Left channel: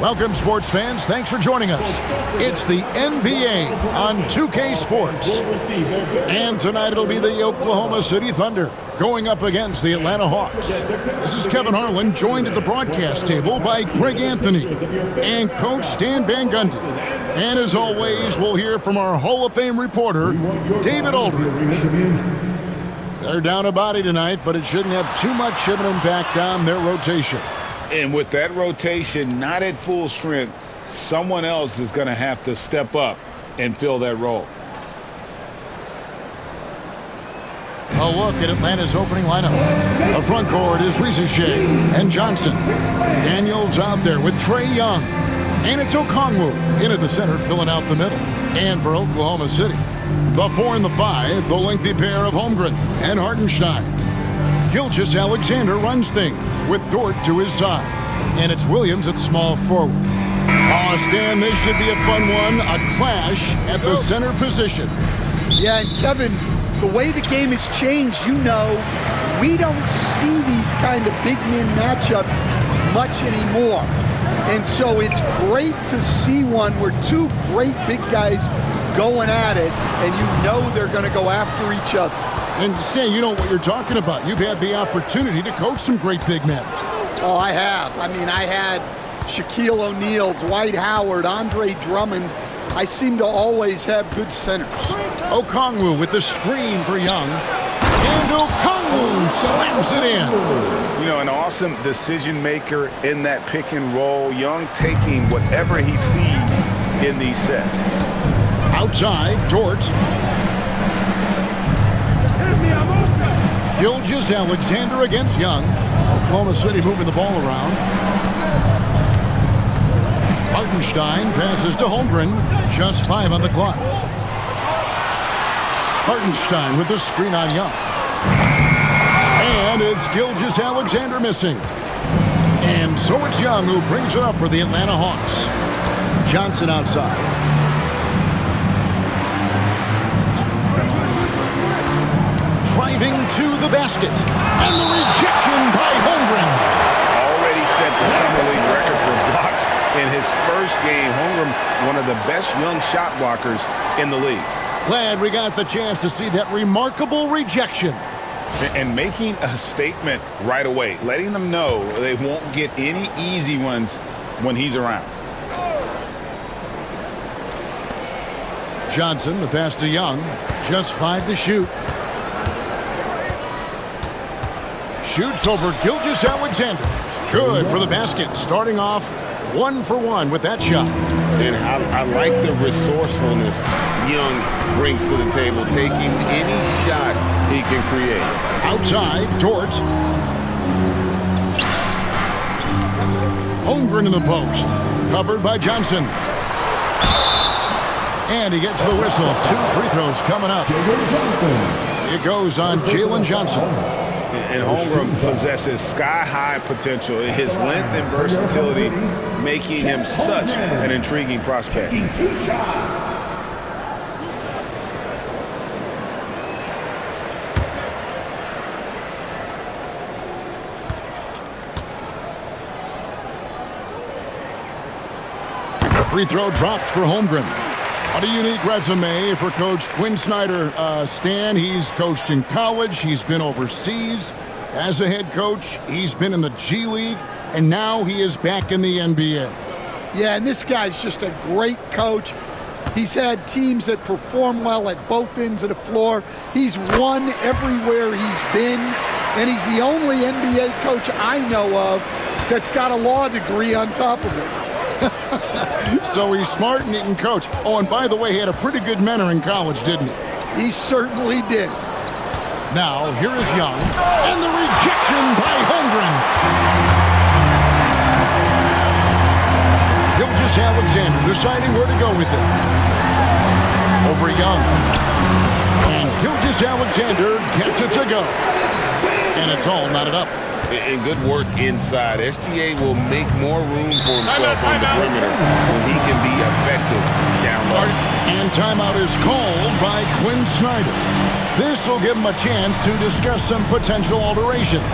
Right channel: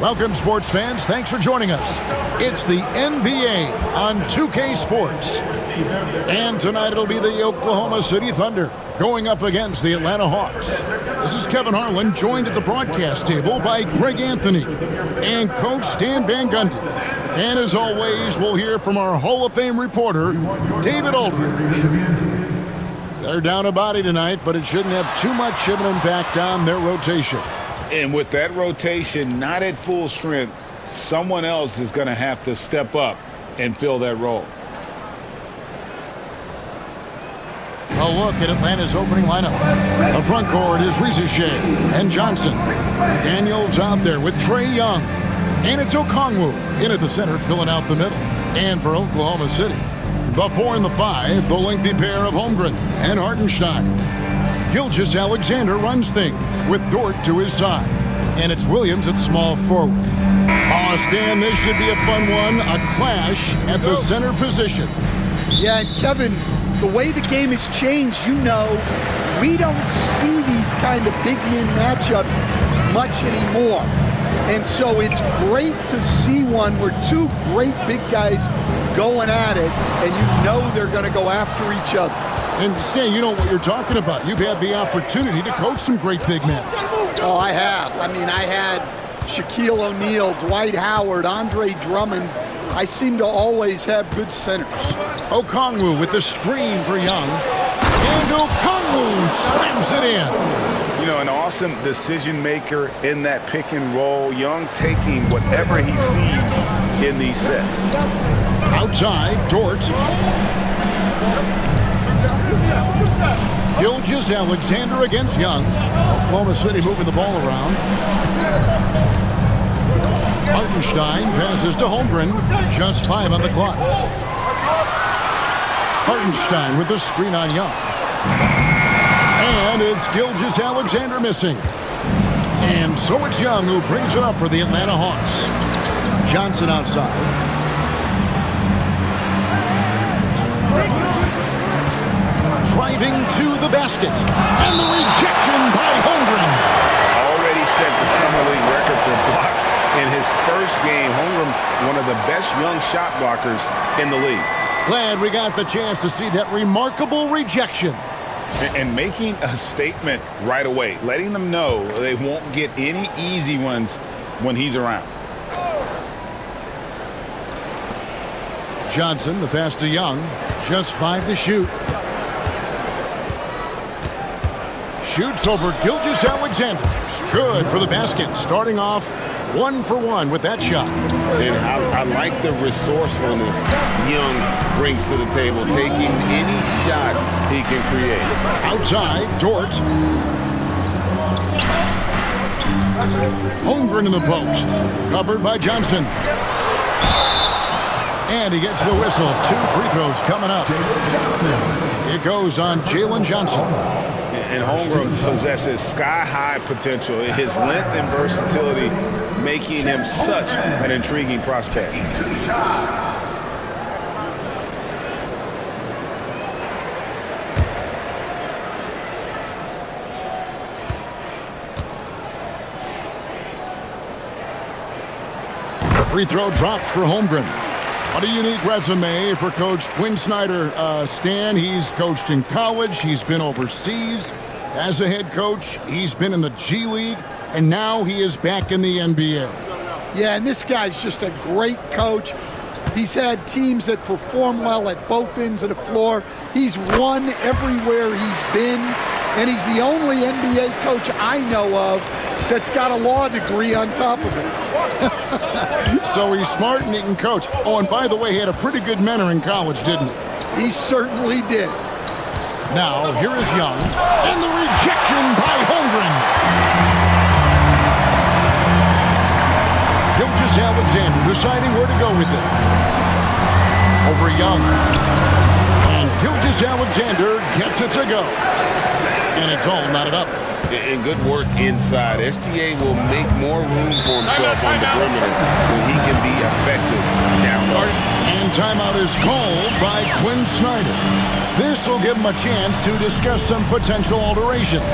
Welcome, sports fans. Thanks for joining us. It's the NBA on 2K Sports. And tonight it'll be the Oklahoma City Thunder going up against the Atlanta Hawks. This is Kevin Harlan, joined at the broadcast table by Greg Anthony and Coach Stan Van Gundy. And as always, we'll hear from our Hall of Fame reporter, David Aldridge. They're down a body tonight, but it shouldn't have too much of an impact on their rotation. And with that rotation not at full strength, someone else is going to have to step up and fill that role. A look at Atlanta's opening lineup. The front court is Shea and Johnson. Daniels out there with Trae Young. And it's Okongwu in at the center, filling out the middle. And for Oklahoma City, the 4 and the 5, the lengthy pair of Holmgren and Hartenstein. Gilgeous-Alexander runs things with Dort to his side. And it's Williams at small forward. Oh, Stan, this should be a fun one. A clash at the center position. Yeah, and Kevin, the way the game has changed, we don't see these kind of big men matchups much anymore. And so it's great to see one where two great big guys going at it, and they're going to go after each other. And Stan, you know what you're talking about. You've had the opportunity to coach some great big men. Oh, I have. I had Shaquille O'Neal, Dwight Howard, Andre Drummond. I seem to always have good centers. Okongwu with the screen for Young. And Okongwu slams it in. An awesome decision maker in that pick and roll. Young taking whatever he sees in these sets. Outside, Dort. Gilgeous-Alexander against Young. Oklahoma City moving the ball around. Hartenstein passes to Holmgren. Just 5 on the clock. Hartenstein with the screen on Young. And it's Gilgeous-Alexander missing. And so it's Young who brings it up for the Atlanta Hawks. Johnson outside. Driving to the basket. And the rejection by Holmgren. Already set the Summer League record for blocks in his first game. Holmgren, one of the best young shot blockers in the league. Glad we got the chance to see that remarkable rejection. And making a statement right away, letting them know they won't get any easy ones when he's around. Johnson, the pass to Young. Just 5 to shoot. Shoots over Gilgeous-Alexander. Good for the basket. Starting off 1 for 1 with that shot. And I like the resourcefulness Young brings to the table, taking any shot he can create. Outside, Dort. Holmgren in the post. Covered by Johnson. And he gets the whistle. 2 free throws coming up. It goes on Jalen Johnson. And Holmgren possesses sky-high potential. His length and versatility making him such an intriguing prospect. Free throw dropped for Holmgren. What a unique resume for Coach Quinn Snyder. Stan, he's coached in college. He's been overseas as a head coach. He's been in the G League, and now he is back in the NBA. Yeah, and this guy's just a great coach. He's had teams that perform well at both ends of the floor. He's won everywhere he's been, and he's the only NBA coach I know of that's got a law degree on top of it. So he's smart and he can coach. Oh, and by the way, he had a pretty good mentor in college, didn't he? He certainly did. Now, here is Young, and the rejection by Holmgren. Gilgeous-Alexander deciding where to go with it. Over Young. And Gilgeous-Alexander gets it to go. And it's all knotted up. And good work inside. SGA will make more room for himself on the perimeter when he can be effective down low. And timeout is called by Quinn Snyder. This will give him a chance to discuss some potential alterations.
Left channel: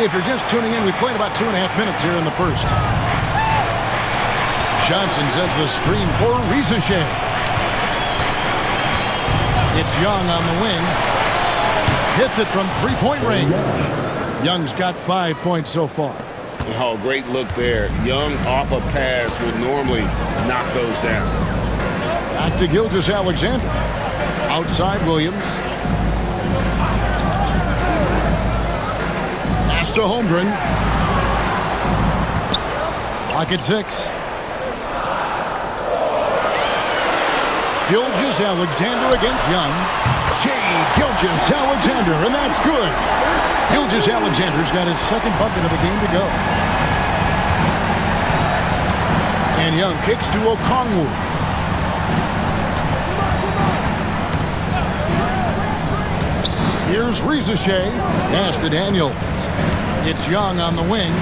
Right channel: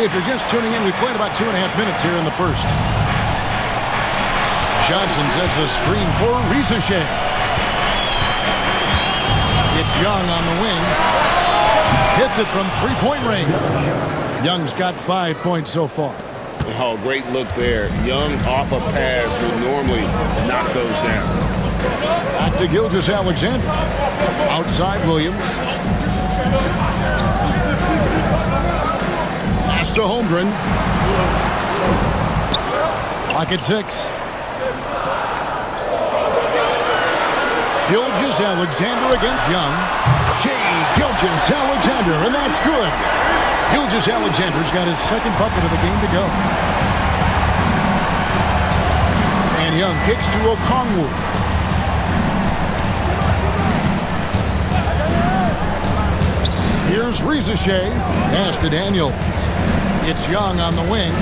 If you're just tuning in, we've played about 2.5 minutes here in the first. Johnson sets the screen for Rizachet. It's Young on the wing. Hits it from three-point range. Young's got 5 points so far. Oh, great look there. Young off a pass will normally knock those down. Back to Gilgeous-Alexander. Outside Williams. Pass to Holmgren. Clock at 6. Gilgeous-Alexander against Young. Shea Gilgeous-Alexander, and that's good. Gilgeous-Alexander's got his second bucket of the game to go. And Young kicks to Okongwu. Here's Rizachet. Pass to Daniels. It's Young on the wing.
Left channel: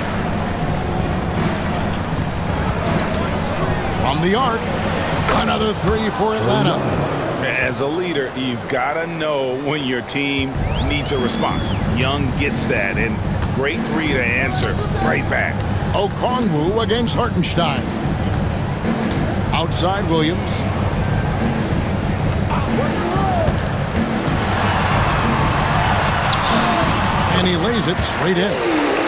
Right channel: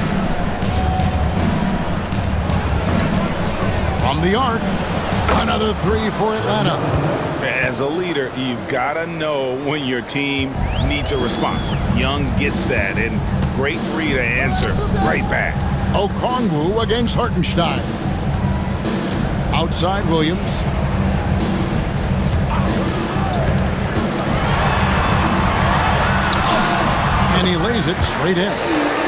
From the arc. Another three for Atlanta. As a leader, you've got to know when your team needs a response. Young gets that, and great three to answer right back. Okongwu against Hartenstein. Outside Williams. And he lays it straight in.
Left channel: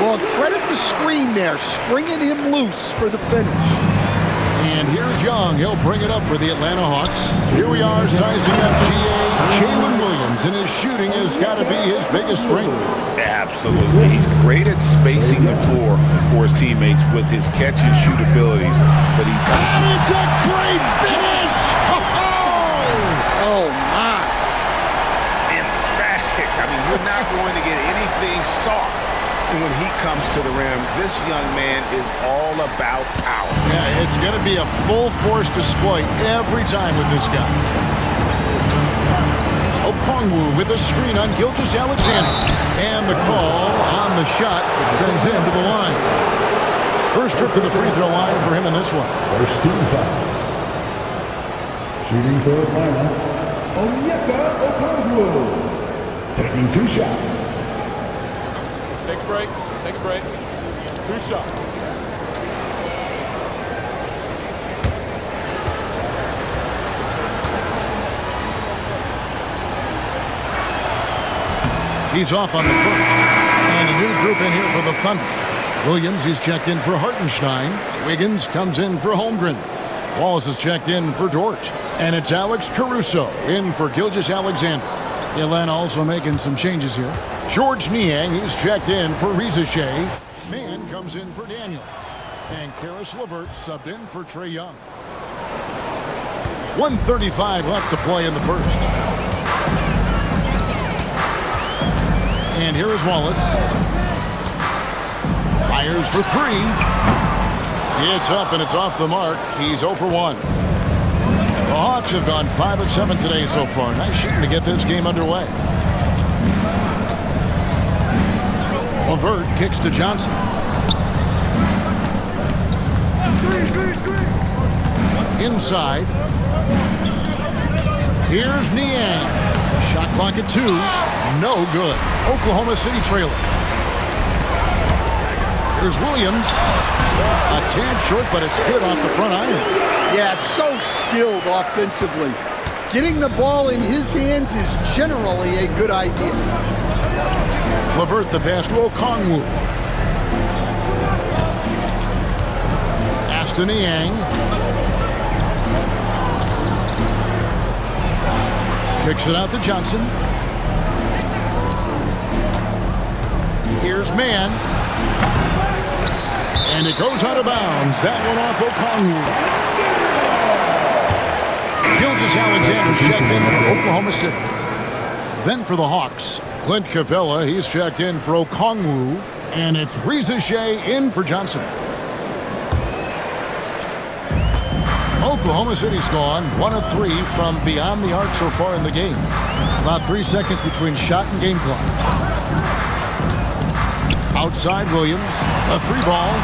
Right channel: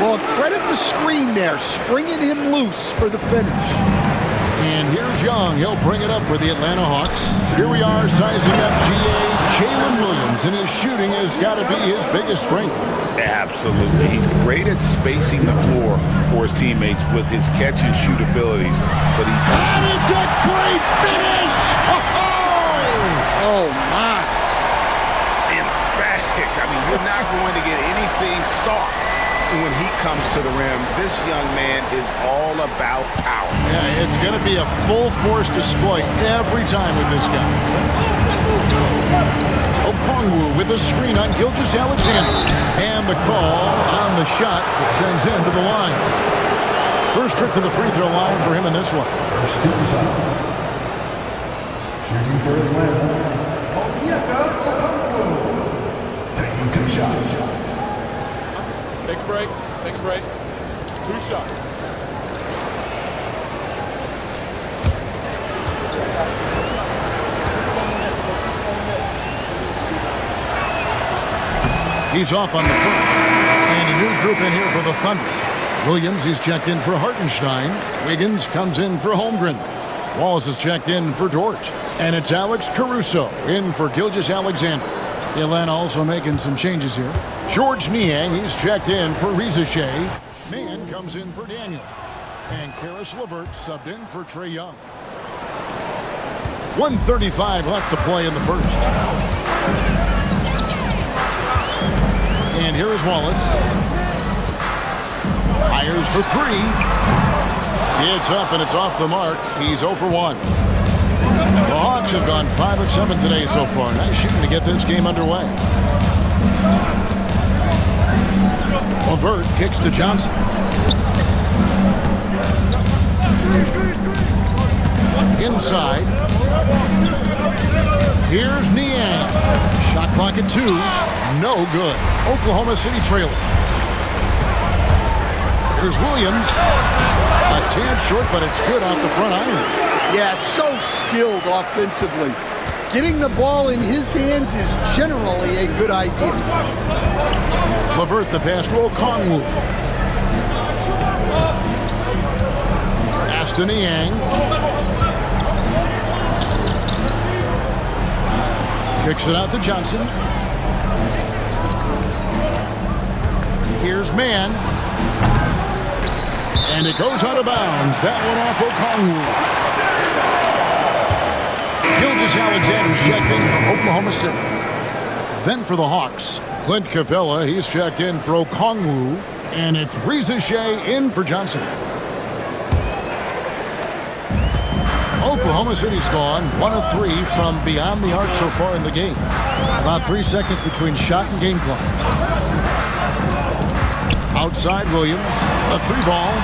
Well, credit the screen there, springing him loose for the finish. And here's Young. He'll bring it up for the Atlanta Hawks. Here we are, sizing up GA. Jalen Williams, and his shooting has got to be his biggest strength. Absolutely. He's great at spacing the floor for his teammates with his catch and shoot abilities. But he's... And it's a great finish! Oh, my. Emphatic. I mean, you're not going to get anything soft. And when he comes to the rim, this young man is all about power. Yeah, it's going to be a full force display every time with this guy. Okongwu with a screen on Gilgeous-Alexander. And the call on the shot that sends him to the line. First trip to the free throw line for him in this one. First team foul. Shooting for Atlanta, Onyeka Okongwu. Taking 2 shots. Take a break. Take a break. 2 shots. He's off on the first. And a new group in here for the Thunder. Williams, he's checked in for Hartenstein. Wiggins comes in for Holmgren. Wallace is checked in for George. And it's Alex Caruso in for Gilgeous-Alexander. Atlanta also making some changes here. George Niang, he's checked in for Rizachet. Mann comes in for Daniel. And Karis LeVert subbed in for Trae Young. 1:35 left to play in the first. And here is Wallace. Fires for 3. It's up and it's off the mark. He's 0 for 1. The Hawks have gone 5 of 7 today so far. Nice shooting to get this game underway. LeVert kicks to Johnson. Inside. Here's Niang. Shot clock at 2. No good. Oklahoma City trailing. Here's Williams. A tad short, but it's good off the front iron. Yeah, so skilled offensively. Getting the ball in his hands is generally a good idea. LeVert the pass to Okongwu. Pass to Niang. Kicks it out to Johnson. Here's Mann. And it goes out of bounds. That one off Okongwu. Gilgeous-Alexander's checked in for Oklahoma City. Then for the Hawks, Clint Capella, he's checked in for Okongwu. And it's Rizachet in for Johnson. Oklahoma City's gone 1 of 3 from beyond the arc so far in the game. About 3 seconds between shot and game clock. Outside Williams, a 3-ball,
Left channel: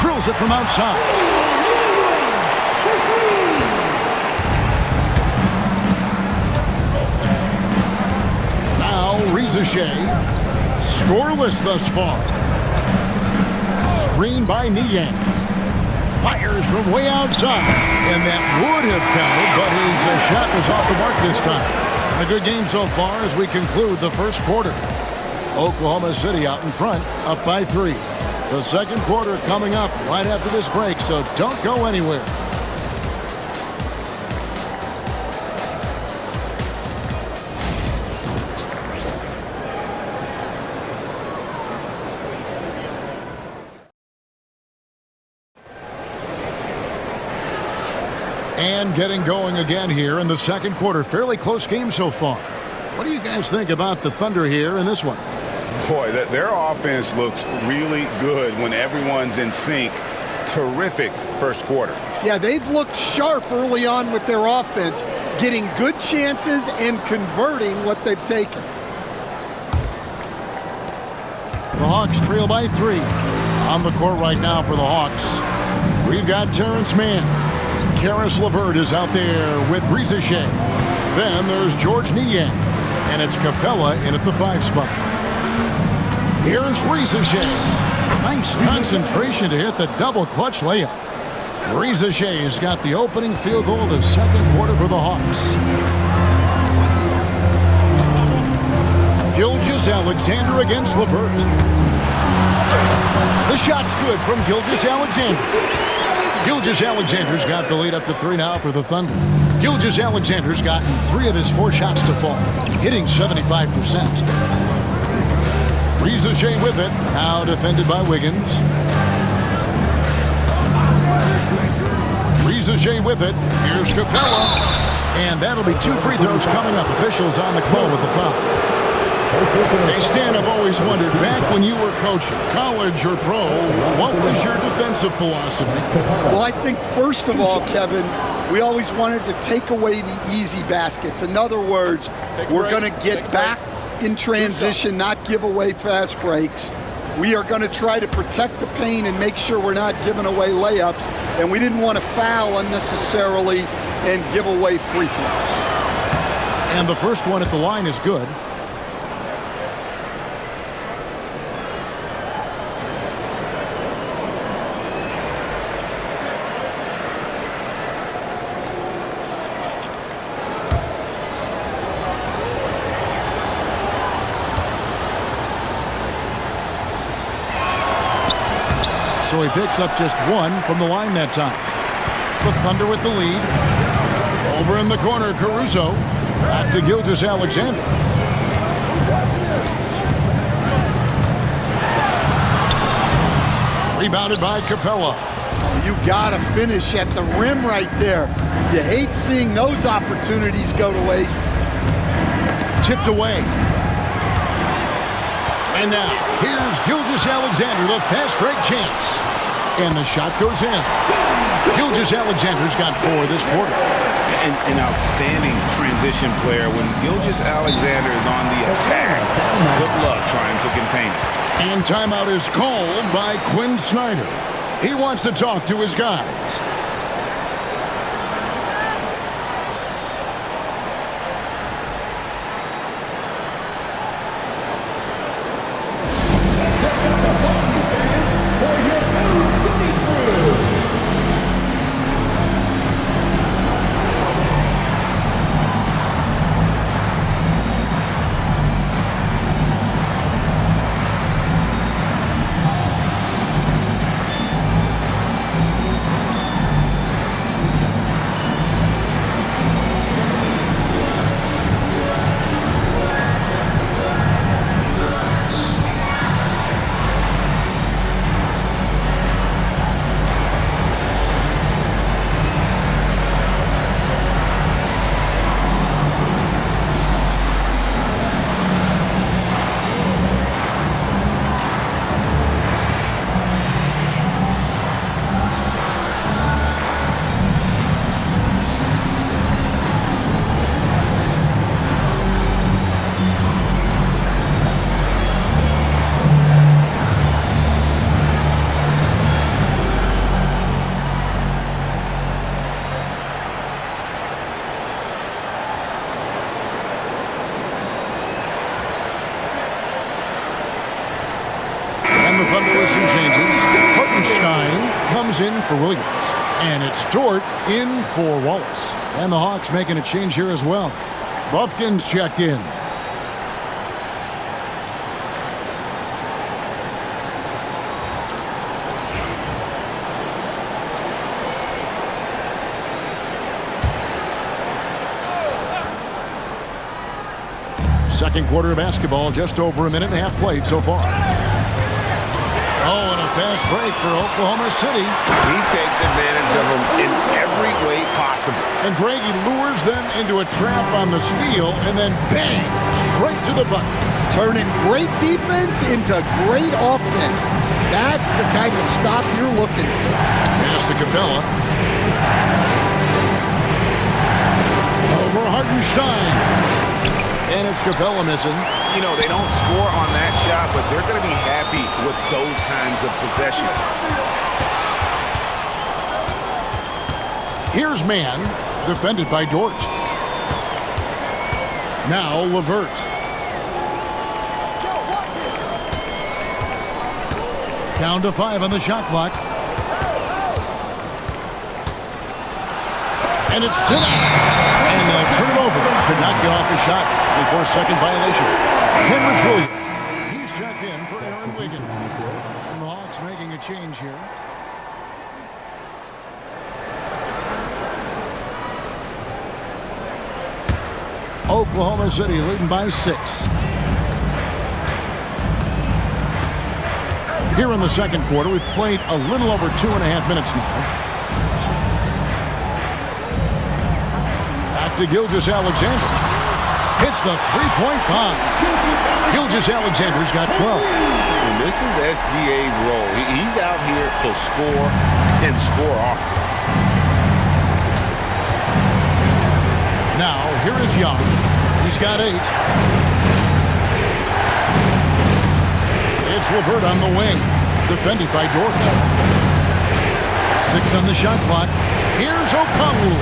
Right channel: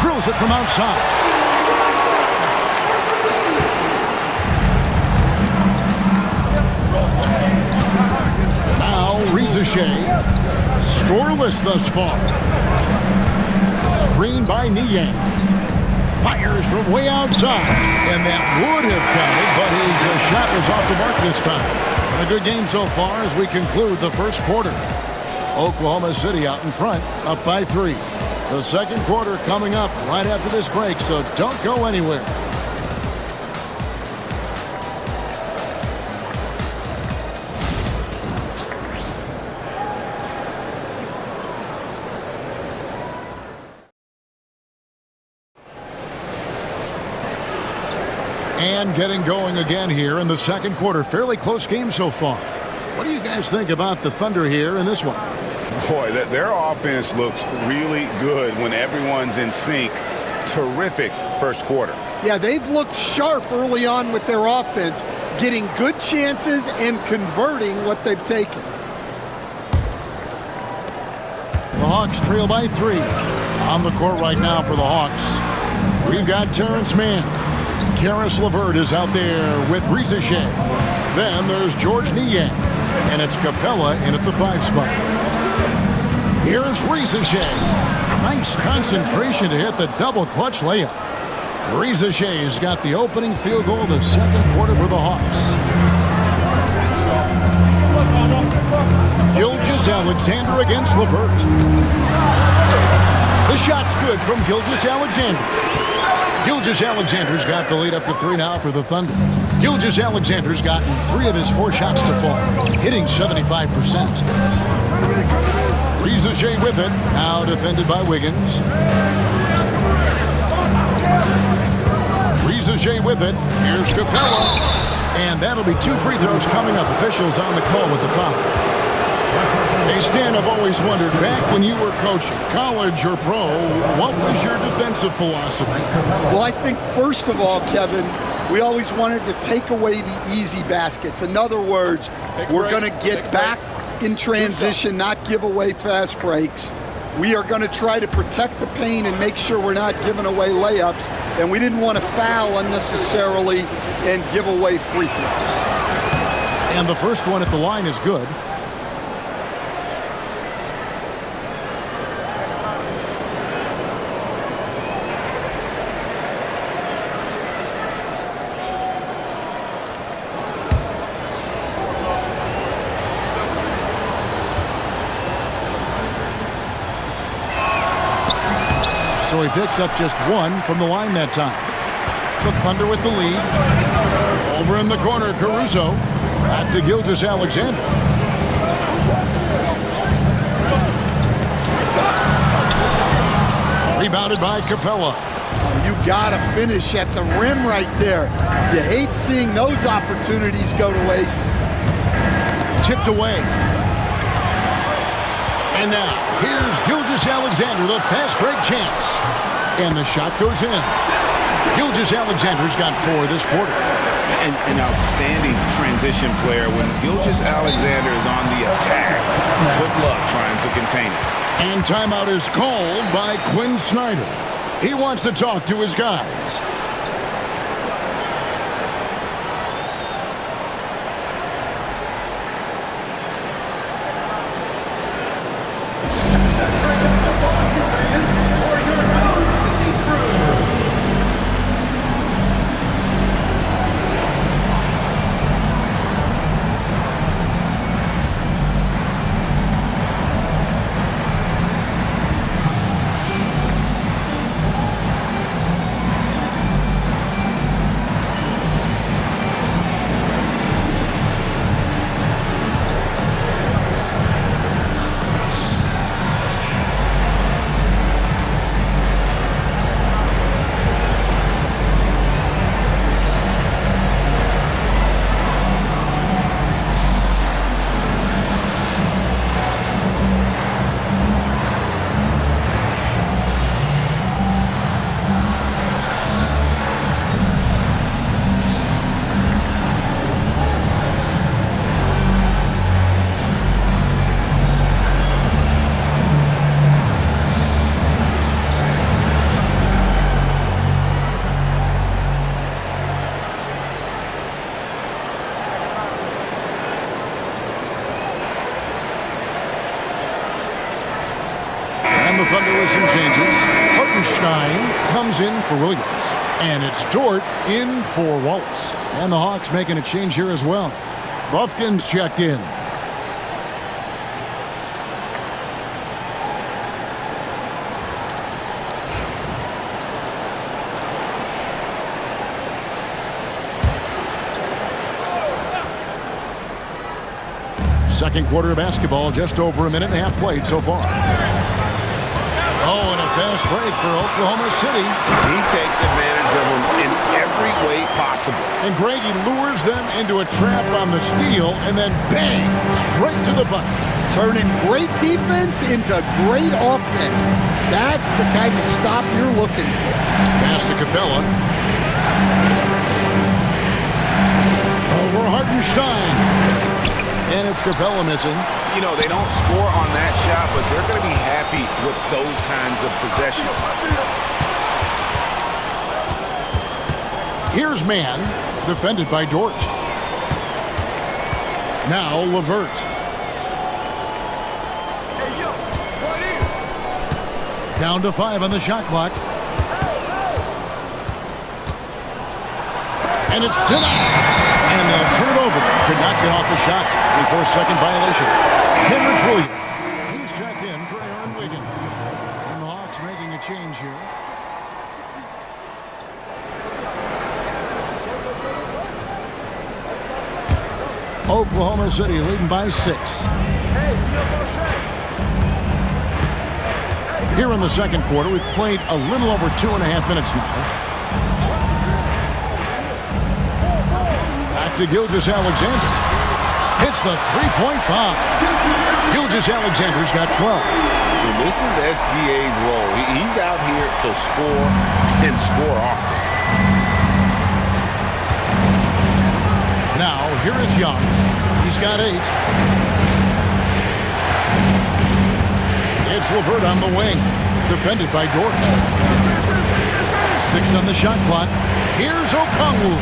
drills it from outside. Now Rizachet Scoreless thus far. Screen by Niang. Fires from way outside. And that would have counted, but his shot was off the mark this time. And a good game so far as we conclude the first quarter. Oklahoma City out in front, up by 3. The second quarter coming up right after this break, so don't go anywhere. And getting going again here in the second quarter. Fairly close game so far. What do you guys think about the Thunder here in this one? Boy, their offense looks really good when everyone's in sync. Terrific first quarter. Yeah, they've looked sharp early on with their offense, getting good chances and converting what they've taken. The Hawks trail by 3. On the court right now for the Hawks, we've got Terrence Mann. Karis LeVert is out there with Reza Shea. Then there's George Niang. And it's Capella in at the 5 spot. Here's Reza Shea. Nice concentration to hit the double clutch layup. Reza Shea has got the opening field goal of the second quarter for the Hawks. Gilgeous-Alexander against LeVert. The shot's good from Gilgeous-Alexander. Gilgeous-Alexander's got the lead up to 3 now for the Thunder. Gilgeous-Alexander's gotten 3 of his 4 shots to fall, hitting 75%. Reza Shea with it, now defended by Wiggins. Reza Shea with it, here's Capella. And that'll be 2 free throws coming up. Officials on the call with the foul. Hey, Stan, I've always wondered, back when you were coaching, college or pro, what was your defensive philosophy? Well, I think first of all, Kevin, we always wanted to take away the easy baskets. In other words, we're going to get back in transition, not give away fast breaks. We are going to try to protect the paint and make sure we're not giving away layups. And we didn't want to foul unnecessarily and give away free throws. And the first one at the line is good. So he picks up just 1 from the line that time. The Thunder with the lead. Over in the corner, Caruso. Back to Gilgeous-Alexander. Rebounded by Capella. Oh, you got to finish at the rim right there. You hate seeing those opportunities go to waste. Tipped away. And now, here's Gilgeous-Alexander, the fast break chance. And the shot goes in. Gilgeous-Alexander's got 4 this quarter. An outstanding transition player. When Gilgeous-Alexander is on the attack, good luck trying to contain it. And timeout is called by Quinn Snyder. He wants to talk to his guys. And the Thunder with some changes. Hartenstein comes in for Williams. And it's Dort in for Wallace. And the Hawks making a change here as well. Buffkin's checked in. Second quarter of basketball, just over a minute and a half played so far. Oh, and a fast break for Oklahoma City. He takes advantage of them in every way possible. And Greg, he lures them into a trap on the steal, and then bang, straight to the bucket. Turning great defense into great offense. That's the kind of stop you're looking for. Pass to Capella. Over Hartenstein. And it's Capella missing. You know, they don't score on that shot, but they're going to be happy with those kinds of possessions. Here's man, defended by Dort. Now LeVert. Down to 5 on the shot clock. And it's denied. And they'll turn it over. Could not get off the shot. 24-second violation. Kenrich Williams. He's checked in for Aaron Wiggins. And the Hawks making a change here. Oklahoma City leading by 6. Here in the second quarter, we've played a little over 2.5 minutes now. Back to Gilgeous-Alexander. Hits the three-point bomb. Gilgeous-Alexander's got 12. And this is SGA's role. He's out here to score and score often. Now, here is Young. He's got 8. It's LeVert on the wing. Defended by Dort. 6 on the shot clock. Here's Okongwu.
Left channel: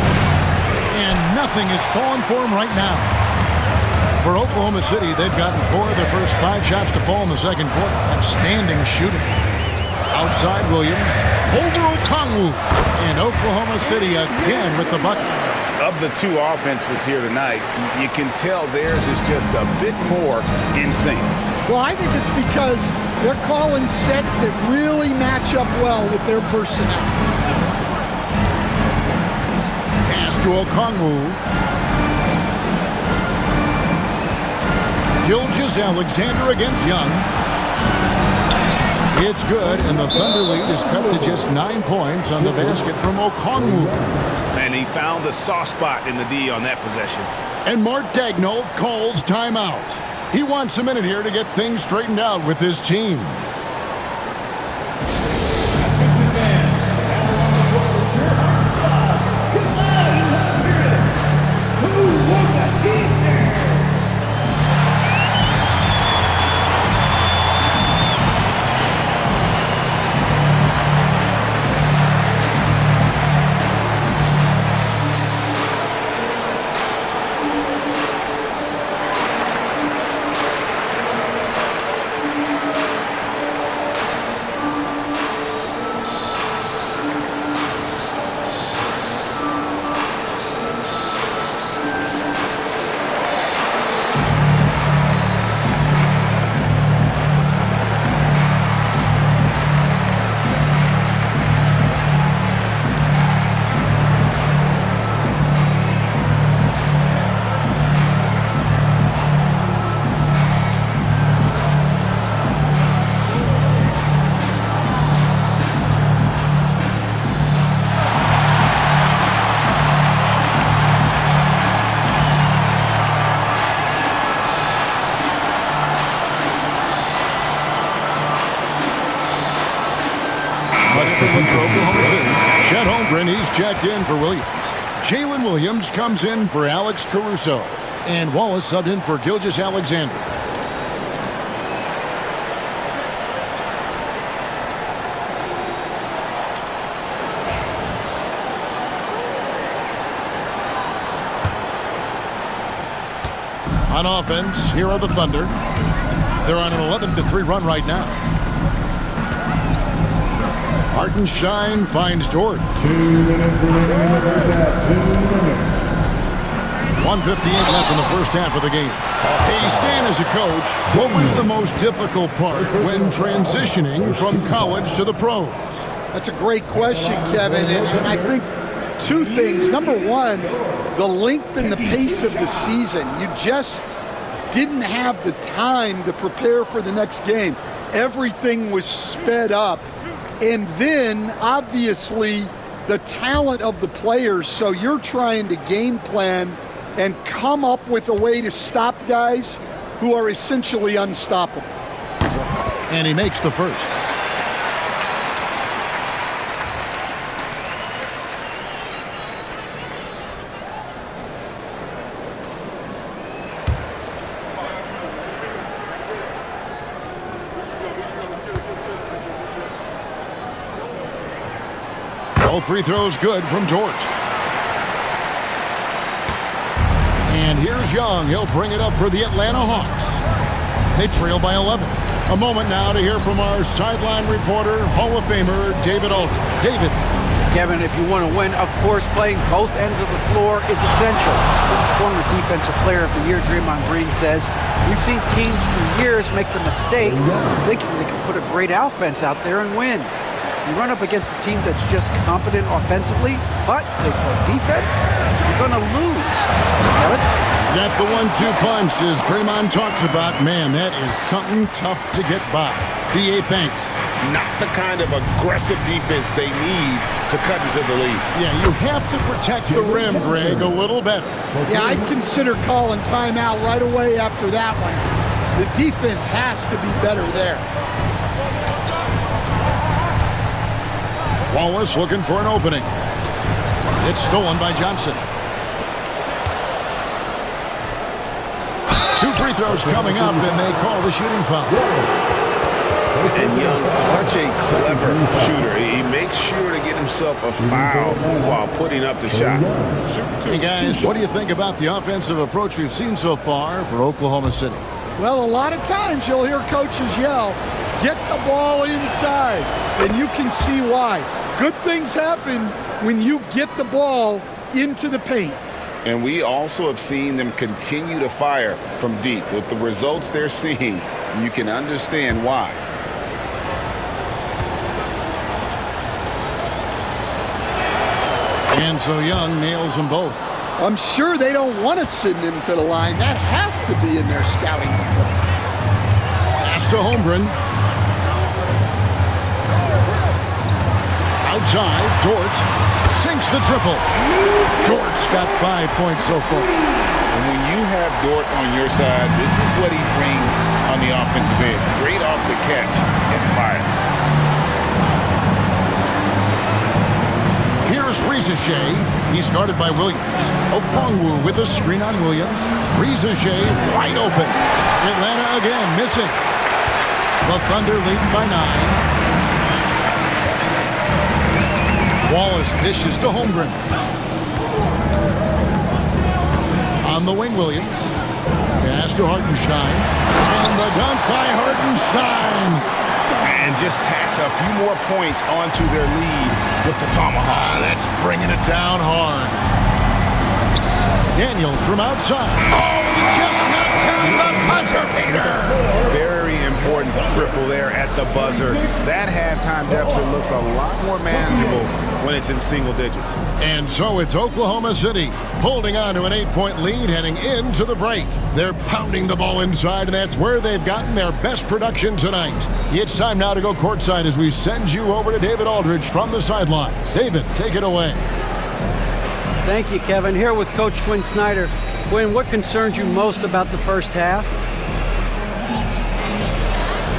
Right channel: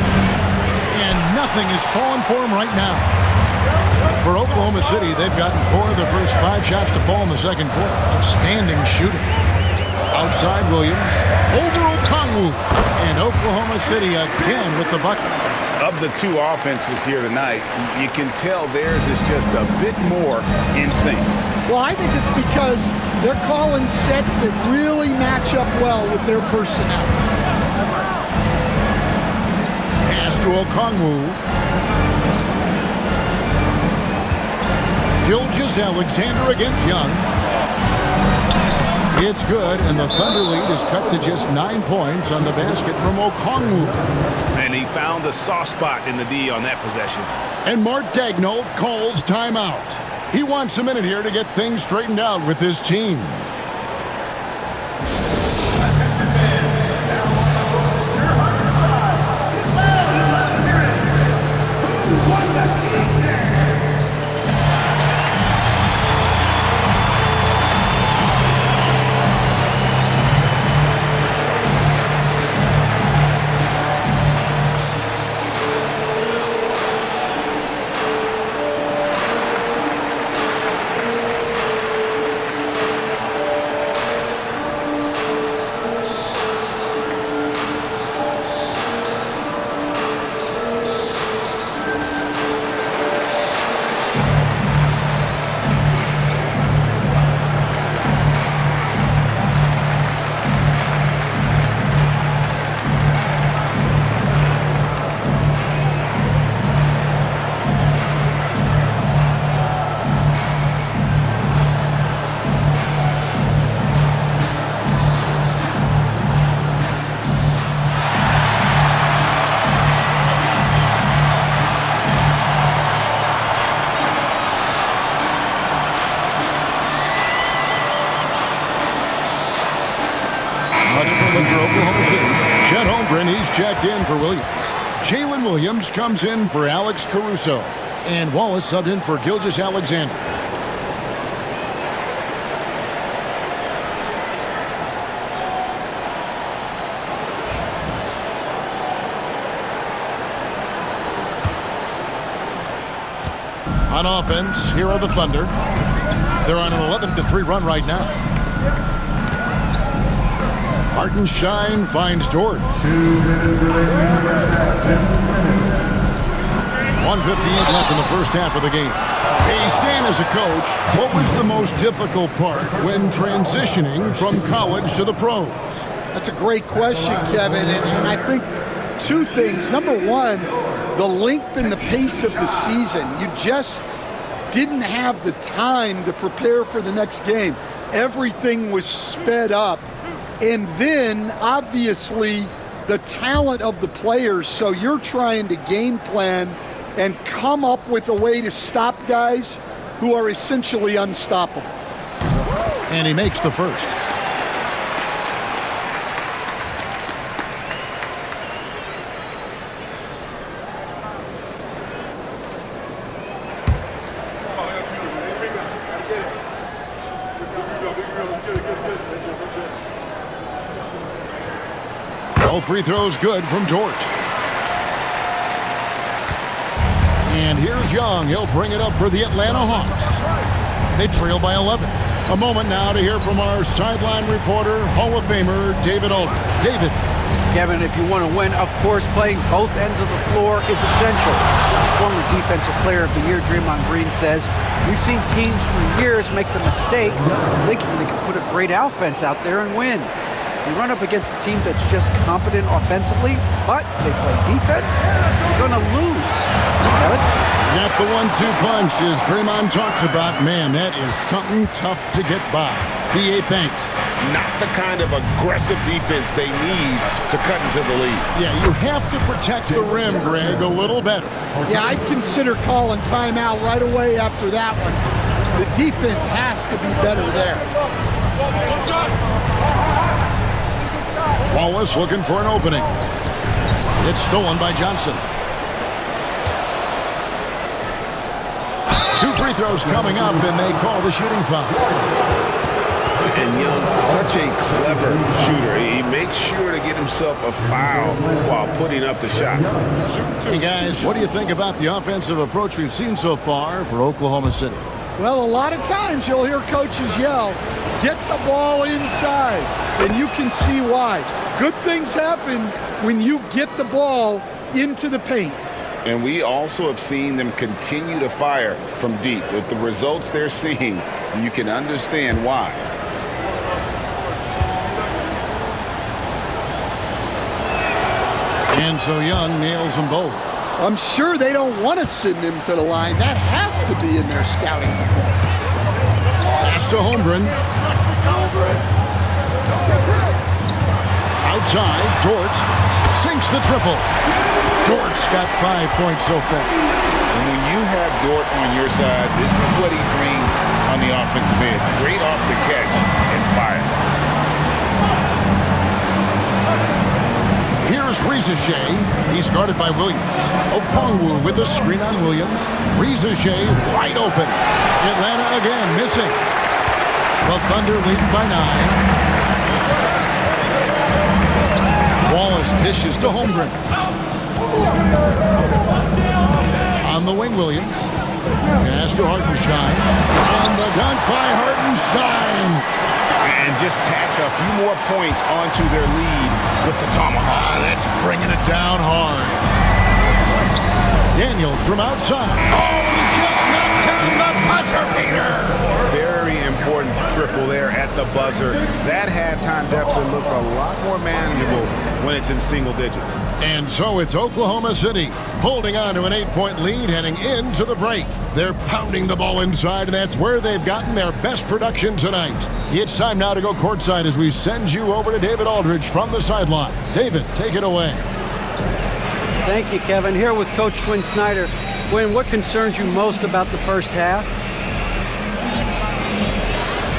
And nothing is falling for him right now. For Oklahoma City, they've gotten 4 of their first 5 shots to fall in the second quarter. Outstanding shooting. Outside Williams. Over Okongwu. And Oklahoma City again with the bucket. Of the 2 offenses here tonight, you can tell theirs is just a bit more in sync. Well, I think it's because they're calling sets that really match up well with their personnel. Pass to Okongwu. Gilgeous-Alexander against Young. It's good, and the Thunder lead is cut to just 9 points on the basket from Okongwu. And he found the soft spot in the D on that possession. And Mark Daigneault calls timeout. He wants a minute here to get things straightened out with his team. A different look for Oklahoma City. Chet Holmgren, he's checked in for Williams. Jalen Williams comes in for Alex Caruso. And Wallace subbed in for Gilgeous-Alexander. On offense, here are the Thunder. They're on an 11-3 run right now. Hartenstein finds Dort. 1:58 left in the first half of the game. Hey, Stan, as a coach, what was the most difficult part when transitioning from college to the pros? That's a great question, Kevin, and I think two things. Number one, the length and the pace of the season. You just didn't have the time to prepare for the next game. Everything was sped up. And then, obviously, the talent of the players. So you're trying to game plan and come up with a way to stop guys who are essentially unstoppable. And he makes the first. Both free throws good from Dort. And here's Young. He'll bring it up for the Atlanta Hawks. They trail by 11. A moment now to hear from our sideline reporter, Hall of Famer David Aldridge. David. Kevin, if you want to win, of course, playing both ends of the floor is essential. Former Defensive Player of the Year Draymond Green says, we've seen teams for years make the mistake of thinking they can put a great offense out there and win. You run up against a team that's just competent offensively, but they play defense, you're going to lose. Kevin? Got the 1-2 punch as Draymond talks about. Man, that is something tough to get by. B.A. thanks. Not the kind of aggressive defense they need to cut into the lead. Yeah, you have to protect the rim, Greg, a little better. Yeah, I'd consider calling timeout right away after that one. The defense has to be better there. Wallace looking for an opening. It's stolen by Johnson. 2 free throws coming up, and they call the shooting foul. And Young, such a clever shooter. He makes sure to get himself a foul while putting up the shot. Hey, guys, what do you think about the offensive approach we've seen so far for Oklahoma City? Well, a lot of times you'll hear coaches yell, get the ball inside, and you can see why. Good things happen when you get the ball into the paint. And we also have seen them continue to fire from deep. With the results they're seeing, you can understand why. And so Young nails them both. I'm sure they don't want to send him to the line. That has to be in their scouting report. Pass to Holmgren. Outside, Dort sinks the triple. Dort's got 5 points so far. And when you have Dort on your side, this is what he brings on the offensive end. Great off the catch and fire. Here's Rizachet. He's guarded by Williams. Okongwu with a screen on Williams. Rizachet wide open. Atlanta again missing. The Thunder leading by 9. Wallace dishes to Holmgren. On the wing, Williams. Pass to Hartenstein. And the dunk by Hartenstein. And just tacks a few more points onto their lead with the tomahawk. That's bringing it down hard. Daniels from outside. Oh, he just knocked down the buzzer beater. Very important triple there at the buzzer. That halftime deficit looks a lot more manageable when it's in single digits. And so it's Oklahoma City holding on to an 8-point lead heading into the break. They're pounding the ball inside, and that's where they've gotten their best production tonight. It's time now to go courtside as we send you over to David Aldridge from the sideline. David, take it away. Thank you, Kevin. Here with Coach Quinn Snyder. Quinn, what concerns you most about the first half?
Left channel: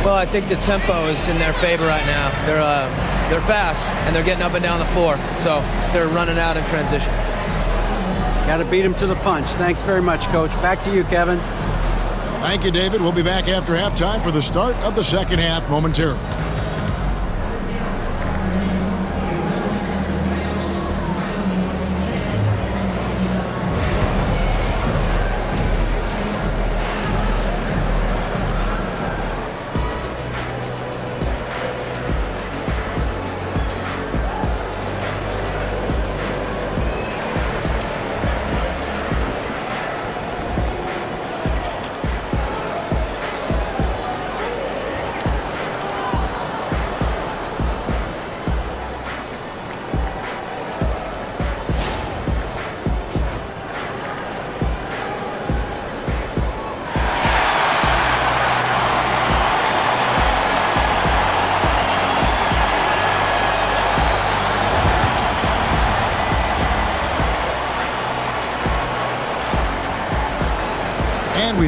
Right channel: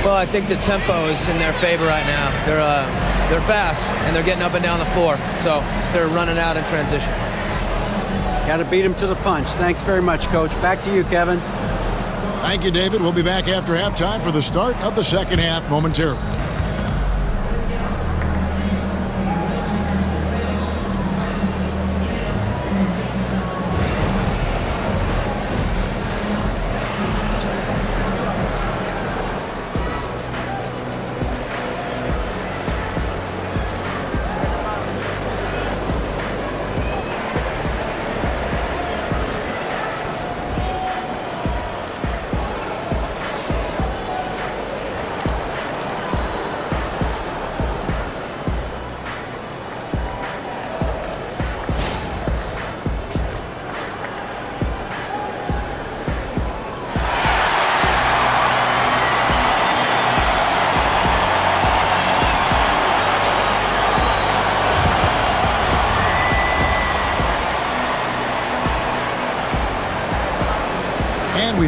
Well, I think the tempo is in their favor right now. They're fast, and they're getting up and down the floor, so they're running out in transition. Got to beat them to the punch. Thanks very much, Coach. Back to you, Kevin. Thank you, David. We'll be back after halftime for the start of the second half momentarily.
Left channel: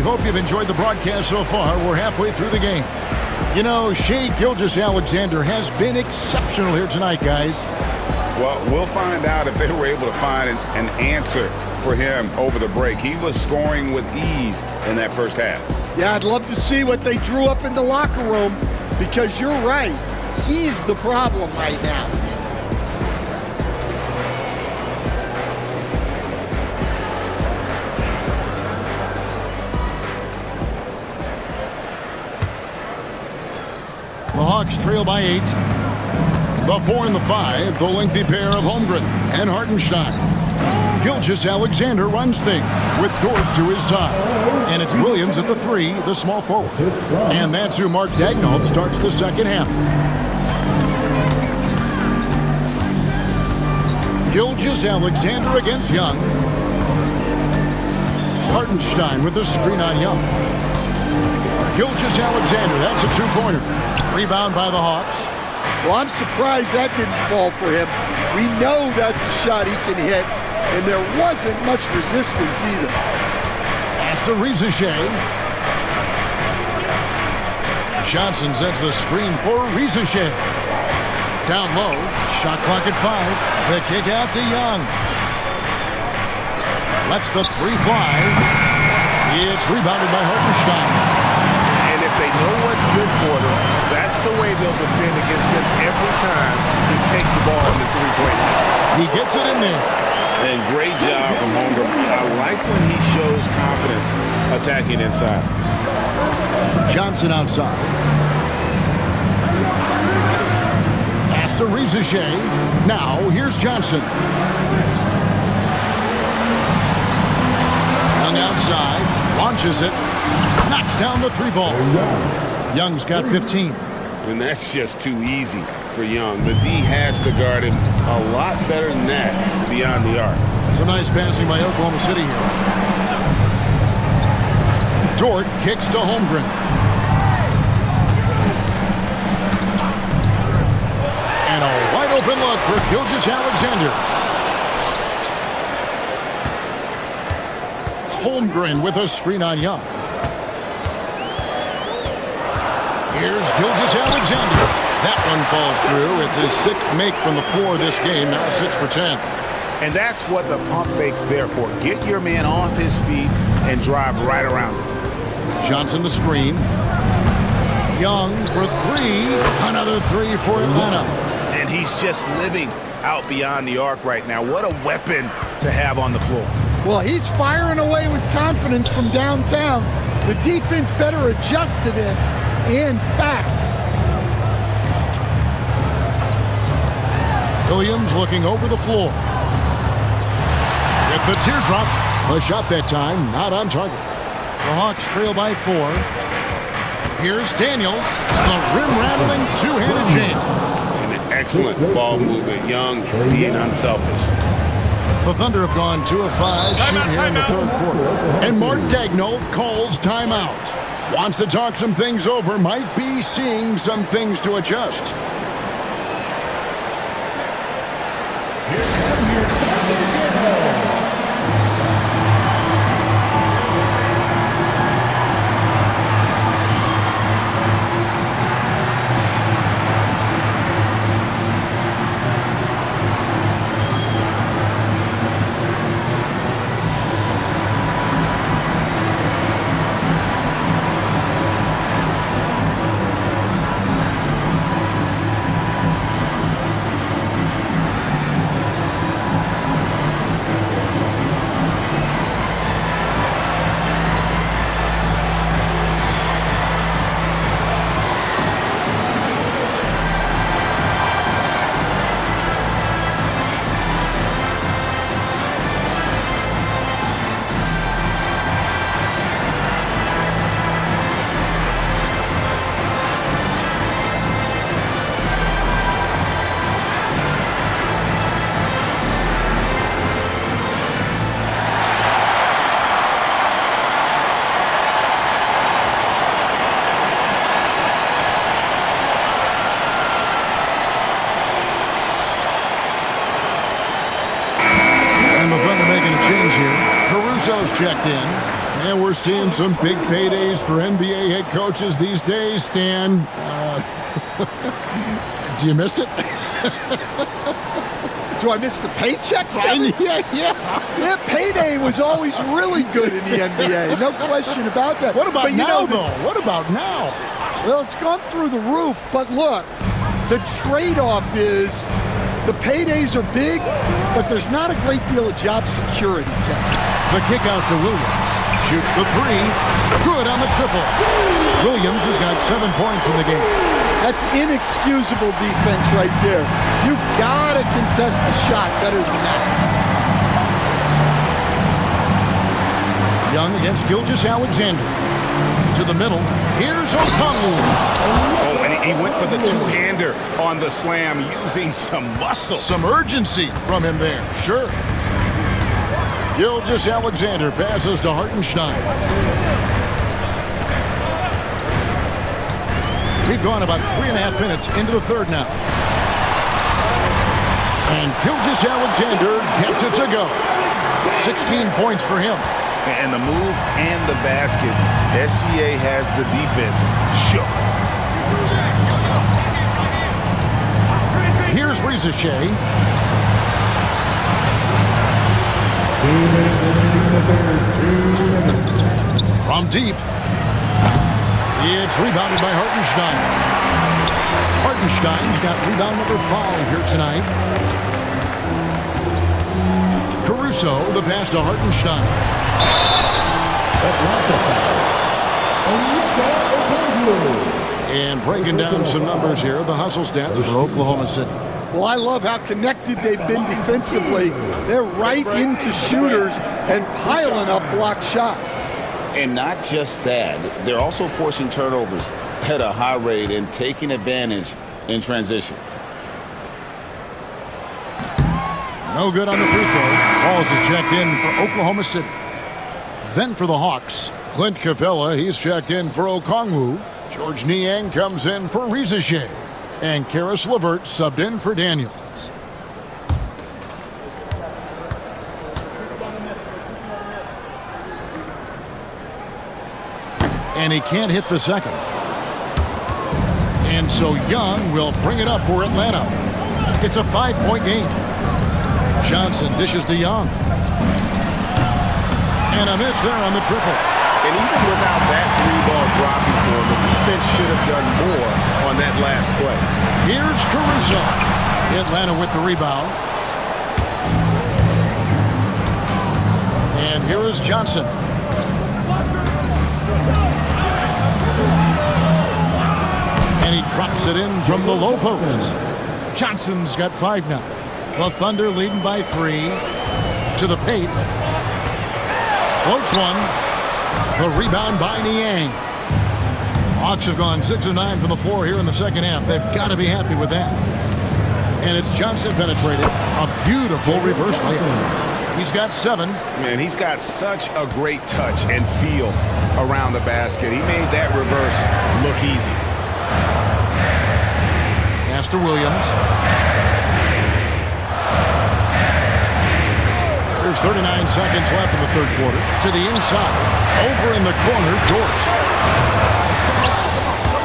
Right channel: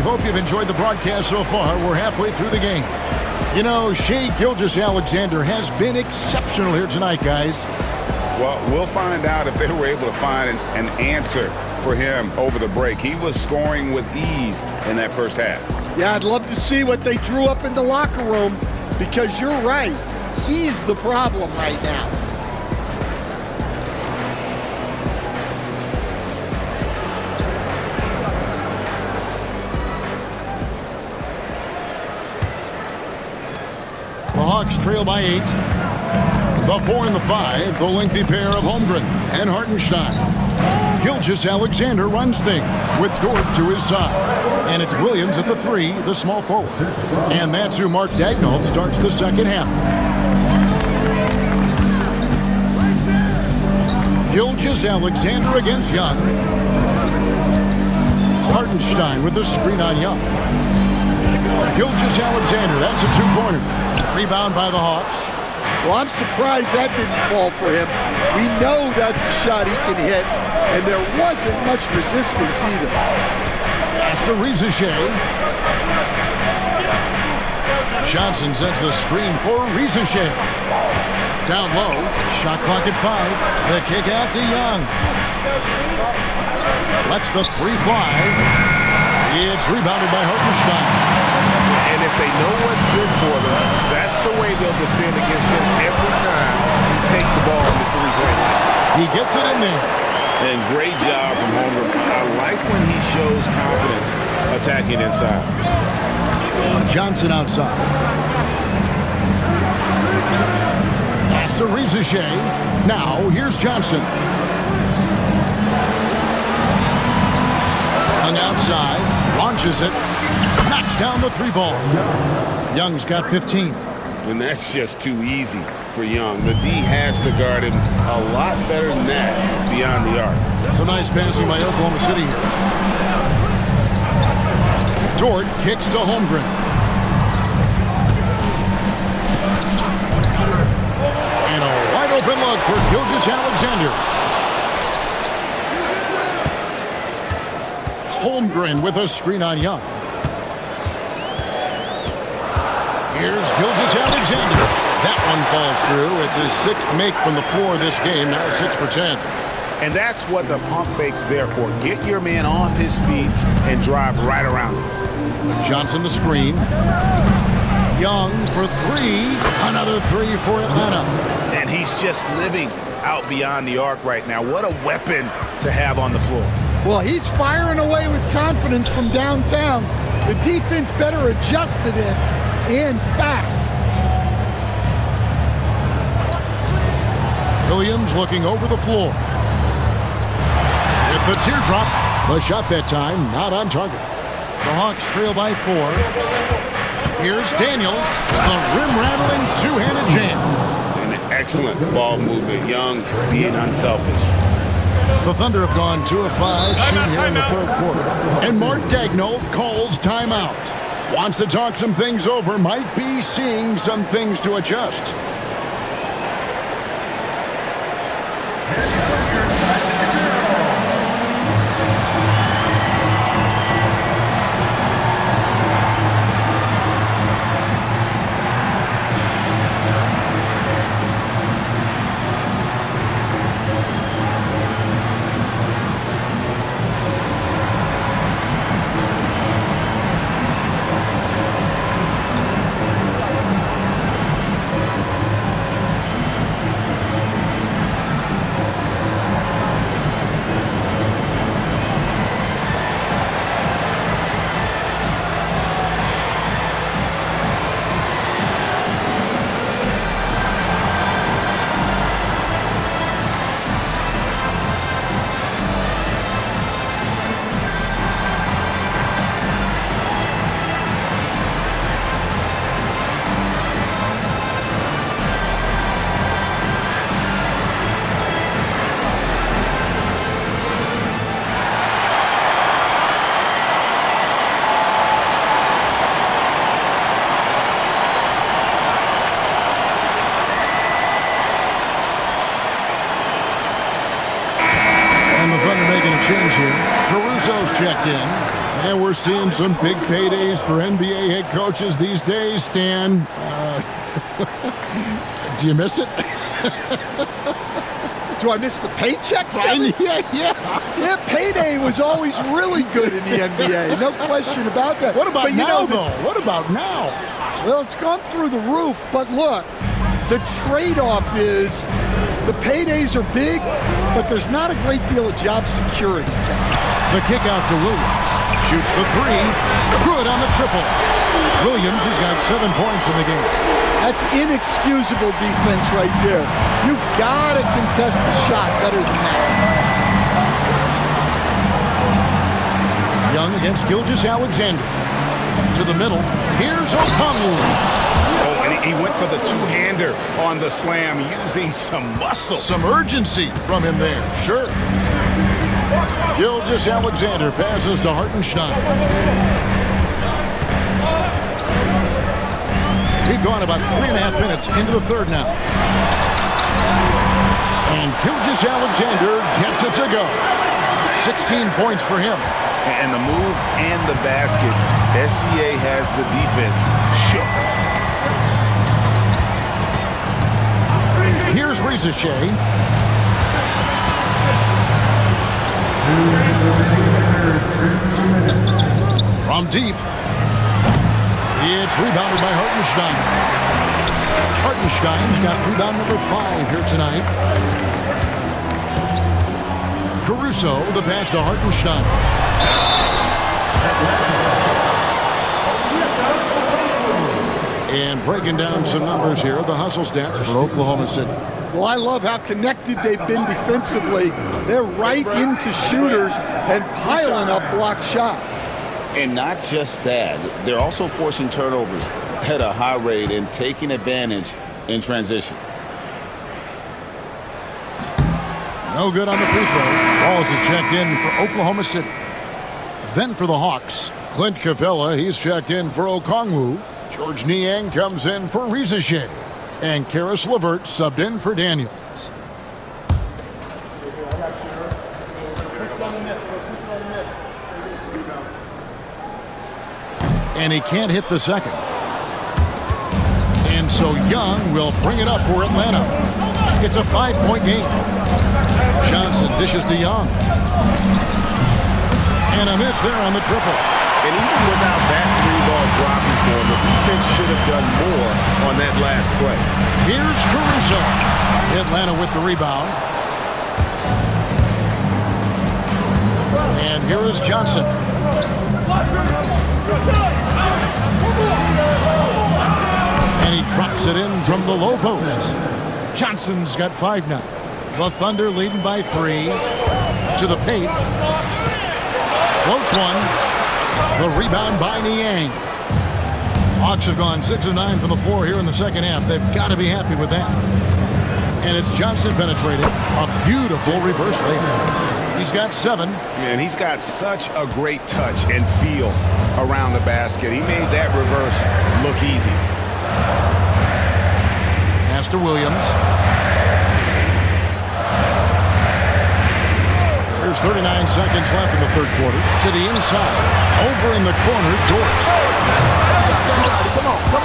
hope you've enjoyed the broadcast so far. We're halfway through the game. You know, Shea Gilgeous-Alexander has been exceptional here tonight, guys. Well, we'll find out if they were able to find an answer for him over the break. He was scoring with ease in that first half. Yeah, I'd love to see what they drew up in the locker room, because you're right. He's the problem right now. The Hawks trail by 8. The 4 and the 5, the lengthy pair of Holmgren and Hartenstein. Gilgeous-Alexander runs things with Dort to his side. And it's Williams at the 3, the small forward. And that's who Mark Daigneault starts the second half. Gilgeous-Alexander against Young. Hartenstein with the screen on Young. Gilgeous-Alexander, that's a two-pointer. Rebound by the Hawks. Well, I'm surprised that didn't fall for him. We know that's a shot he can hit, and there wasn't much resistance either. Pass to Rizachet. Johnson sets the screen for Rizachet. Down low, shot clock at 5. The kick out to Young. Lets the 3 fly. It's rebounded by Hartenstein. And if they know what's good for them, that's the way they'll defend against him every time he takes the ball in the three-point line. He gets it in there. And great job from Holmgren. I like when he shows confidence attacking inside. Johnson outside. Pass to Rizachet. Now here's Johnson. Young outside. Launches it. Knocks down the 3 ball. Young's got 15. And that's just too easy for Young. The D has to guard him a lot better than that beyond the arc. Some nice passing by Oklahoma City here. Dort kicks to Holmgren. And a wide open look for Gilgeous-Alexander. Holmgren with a screen on Young. Here's Gilgeous-Alexander. That one falls through. It's his 6th make from the floor this game, now 6 for 10. And that's what the pump fake's there for. Get your man off his feet and drive right around him. Johnson the screen. Young for 3. Another 3 for Atlanta. And he's just living out beyond the arc right now. What a weapon to have on the floor. Well, he's firing away with confidence from downtown. The defense better adjust to this, and fast. Williams looking over the floor. With the teardrop, the shot that time not on target. The Hawks trail by 4. Here's Daniels, the rim-rattling two-handed jam. An excellent ball movement. Young being unselfish. The Thunder have gone 2 of 5 shooting here in the 3rd quarter. And Mark Daigneault calls timeout. Wants to talk some things over, might be seeing some things to adjust. And the Thunder making a change here. Caruso's checked in. And we're seeing some big paydays for NBA head coaches these days, Stan. Do you miss it? Do I miss the paychecks, Kevin? Yeah. Payday was always really good in the NBA. No question about that. What about But now, though? What about now? Well, it's gone through the roof. But look, the trade-off is the paydays are big, but there's not a great deal of job security, Kevin. The kick out to Williams. Shoots the three. Good on the triple. Williams has got 7 points in the game. That's inexcusable defense right there. You gotta contest the shot better than that. Young against Gilgeous-Alexander. To the middle. Here's Okongwu. Oh, and he went for the two-hander on the slam using some muscle. Some urgency from him there, sure. Gilgeous-Alexander passes to Hartenstein. We've gone about 3.5 minutes into the third now. And Gilgeous-Alexander gets it to go. 16 points for him. And the move and the basket, SGA has the defense shook. Here's Rizeshay. From deep. It's rebounded by Hartenstein. Hartenstein's got rebound number 5 here tonight. Caruso, the pass to Hartenstein. And breaking down some numbers here, the hustle stats for Oklahoma City. Well, I love how connected they've been defensively. They're right into shooters and piling up blocked shots. And not just that, they're also forcing turnovers at a high rate and taking advantage in transition. No good on the free throw. Walls is checked in for Oklahoma City. Then for the Hawks, Clint Capella, he's checked in for Okongwu. George Niang comes in for Rizeshay. And Karis LeVert subbed in for Daniels. And he can't hit the second. And so Young will bring it up for Atlanta. It's a 5-point game. Johnson dishes to Young. And a miss there on the triple. And even without that three-ball dropping for him, the defense should have done more on that last play. Here's Caruso. Atlanta with the rebound. And here is Johnson. And he drops it in from the low post. Johnson's got 5 now. The Thunder leading by 3. To the paint. Floats one. The rebound by Niang. Hawks have gone 6 of 9 from the floor here in the second half. They've got to be happy with that. And it's Johnson penetrating. A beautiful reverse layup. He's got 7. Man, he's got such a great touch and feel around the basket. He made that reverse look easy. Pass to Williams. There's 39 seconds left in the third quarter. To the inside. Over in the corner, Dort.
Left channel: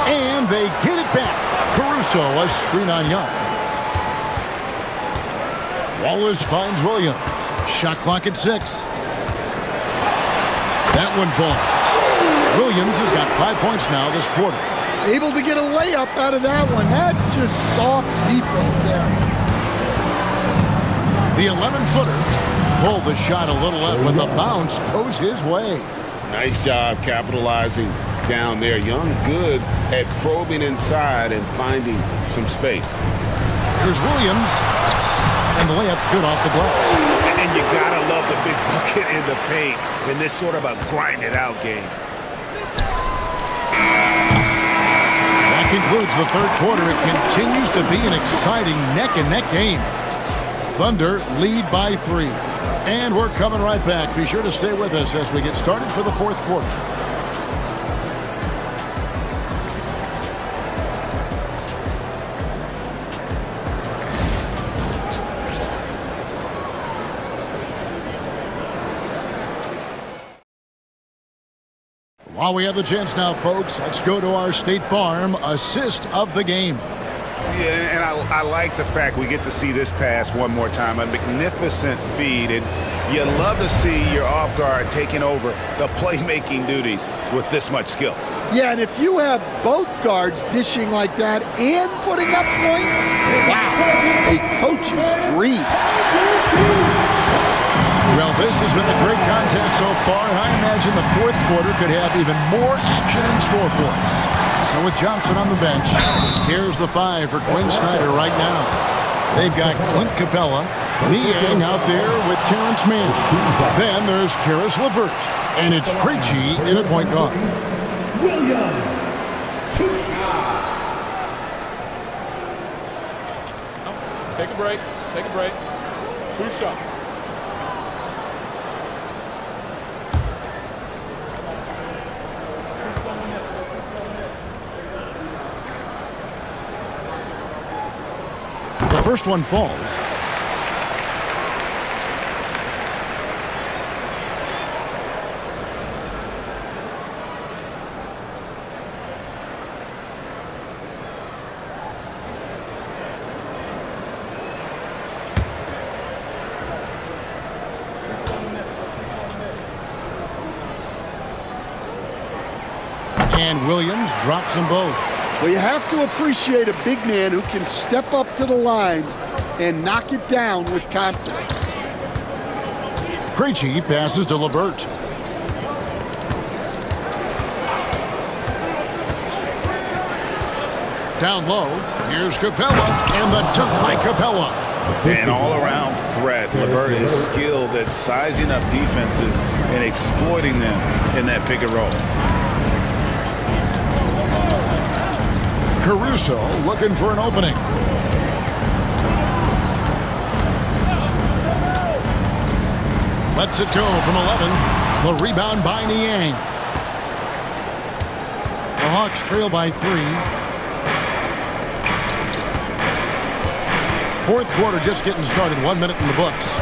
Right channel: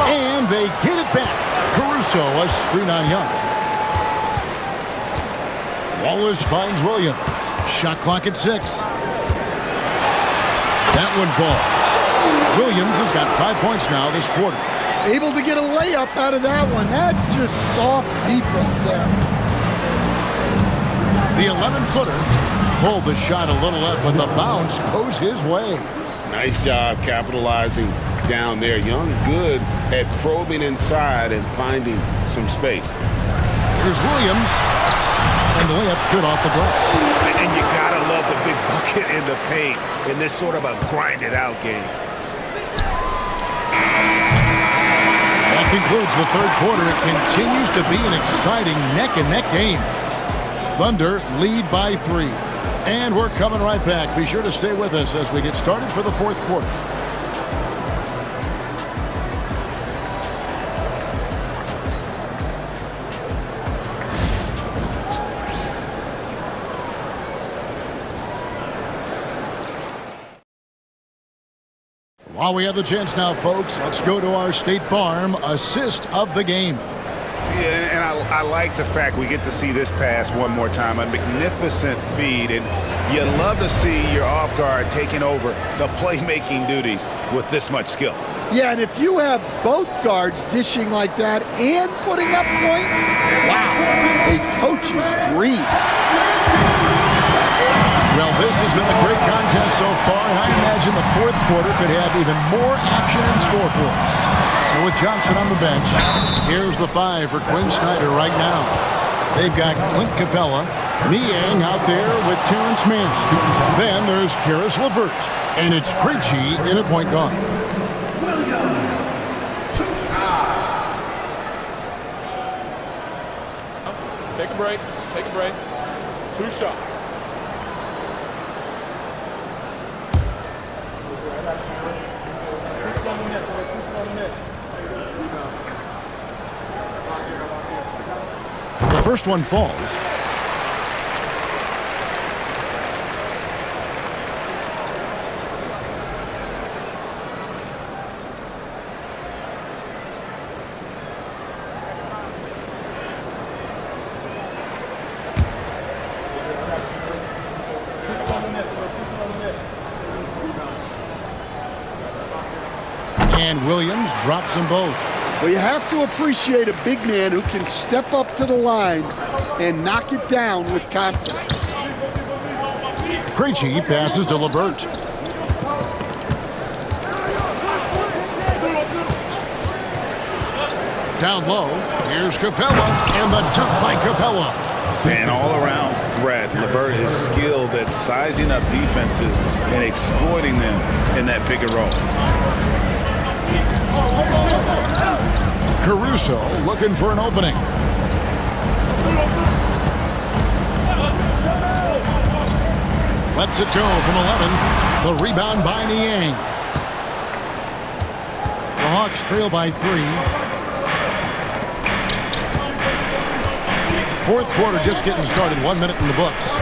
And they get it back. Caruso, a screen on Young. Wallace finds Williams. Shot clock at 6. That one falls. Williams has got 5 points now this quarter. Able to get a layup out of that one. That's just soft defense there. The 11-footer pulled the shot a little up, but the bounce goes his way. Nice job capitalizing down there. Young good at probing inside and finding some space. Here's Williams. And the layup's good off the glass. And you gotta love the big bucket in the paint in this sort of a grind-it-out game. That concludes the third quarter. It continues to be an exciting neck-and-neck game. Thunder lead by 3. And we're coming right back. Be sure to stay with us as we get started for the fourth quarter. While we have the chance now, folks, let's go to our State Farm assist of the game. Yeah, and I like the fact we get to see this pass one more time. A magnificent feed, and you love to see your off guard taking over the playmaking duties with this much skill. Yeah, and if you have both guards dishing like that and putting up points, wow, a coach's dream. Well, this has been a great contest so far, and I imagine the fourth quarter could have even more action in store for us. So with Johnson on the bench, here's the 5 for Quinn Snyder right now. They've got Clint Capella, Niang out there with Terrence Mann. Then there's Karis LeVert, and it's Krejci in at point guard. Take a break. Take a break. 2 shots. The first one falls. And Williams drops them both. Well, you have to appreciate a big man who can step up to the line and knock it down with confidence. Krejci passes to LeVert. Down low, here's Capella, and the dunk by Capella. An all-around threat. LeVert is skilled at sizing up defenses and exploiting them in that pick and roll. Caruso looking for an opening. Lets it go from 11. The rebound by Niang. The Hawks trail by 3. Fourth quarter just getting started. 1 minute in the books.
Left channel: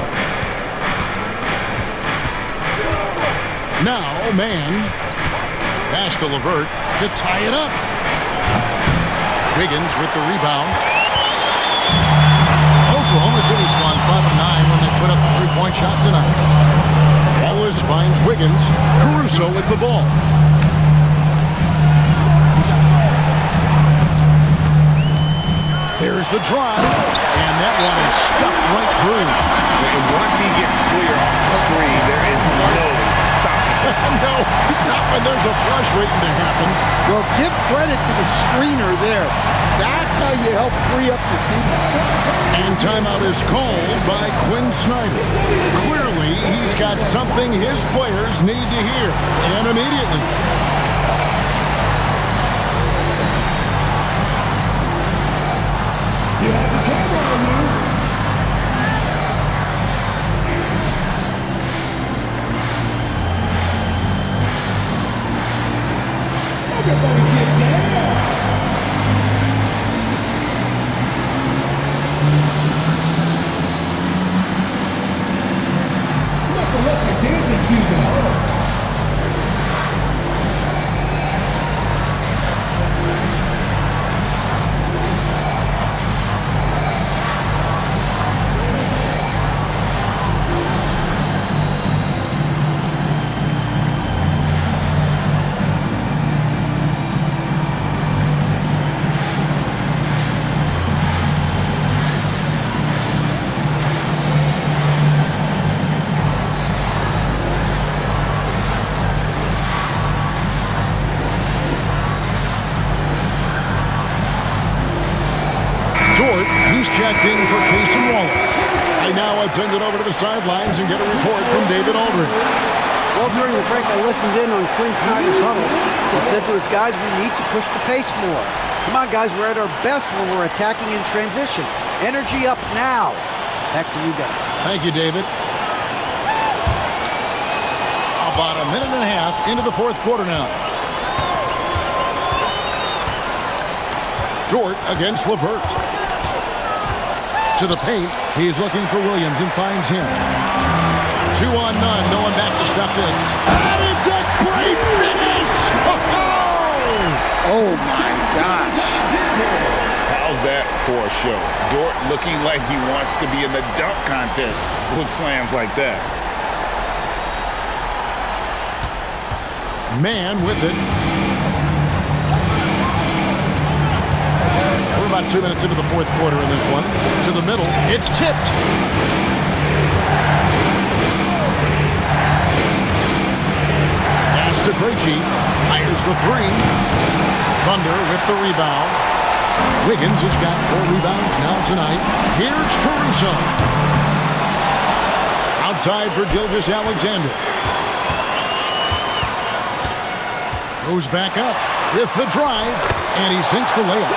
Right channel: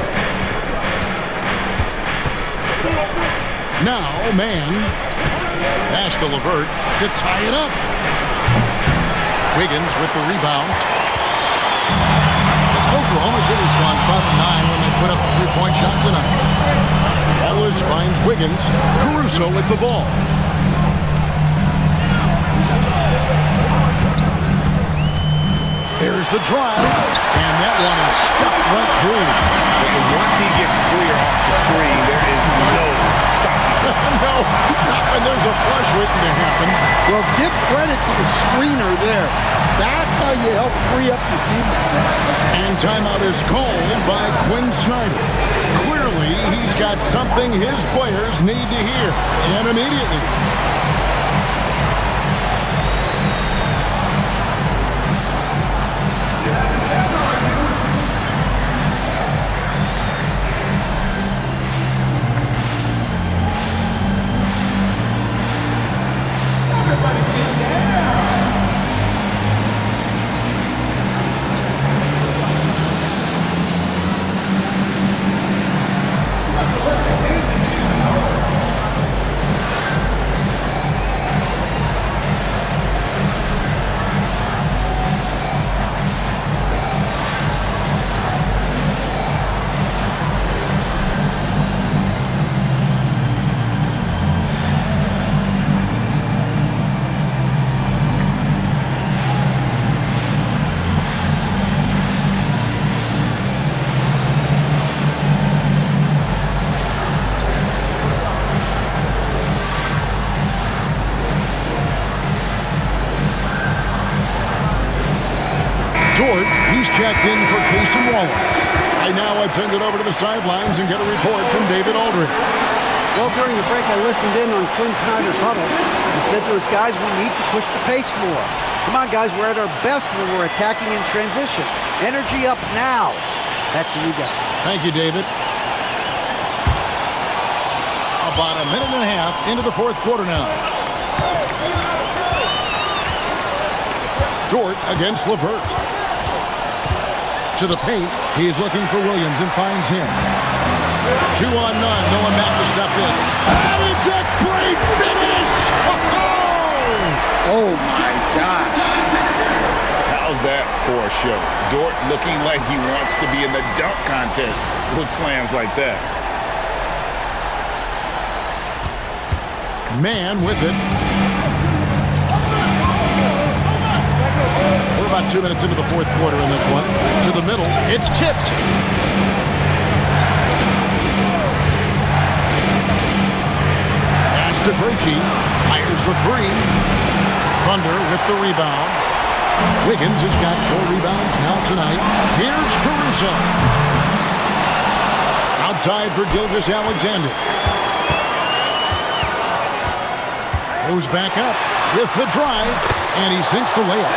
Now, Mann. Pass to LeVert to tie it up. Wiggins with the rebound. Oklahoma City's gone 5-9 when they put up the three-point shot tonight. Wallace finds Wiggins. Caruso with the ball. There's the drive, and that one is stuffed right through. And once he gets clear off the screen, there is no stopping him. No, not when there's a flush waiting to happen. Well, give credit to the screener there. That's how you help free up your teammates. And timeout is called by Quinn Snyder. Clearly, he's got something his players need to hear, and immediately. You have the camera on you. Everybody get down. You must have left your dancing shoes at home. Dort, he's checked in for Kacey Wallace. Right now, let's send it over to the sidelines and get a report from David Aldridge. Well, during the break, I listened in on Quinn Snyder's huddle. He said to his guys, we need to push the pace more. Come on, guys, we're at our best when we're attacking in transition. Energy up now. Back to you guys. Thank you, David. About a minute and a half into the fourth quarter now. Dort against LeVert. To the paint, he's looking for Williams and finds him. 2-on-none, no one back to stop this. And it's a great finish! finish! Oh, my gosh. How's that for a show? Dort looking like he wants to be in the dunk contest with slams like that. Man with it. We're about 2 minutes into the fourth quarter in this one. To the middle. It's tipped. Pass to Kacey. Fires the three. Thunder with the rebound. Wiggins has got 4 rebounds now tonight. Here's Caruso. Outside for Gilgeous-Alexander. Goes back up with the drive, and he sinks the layup.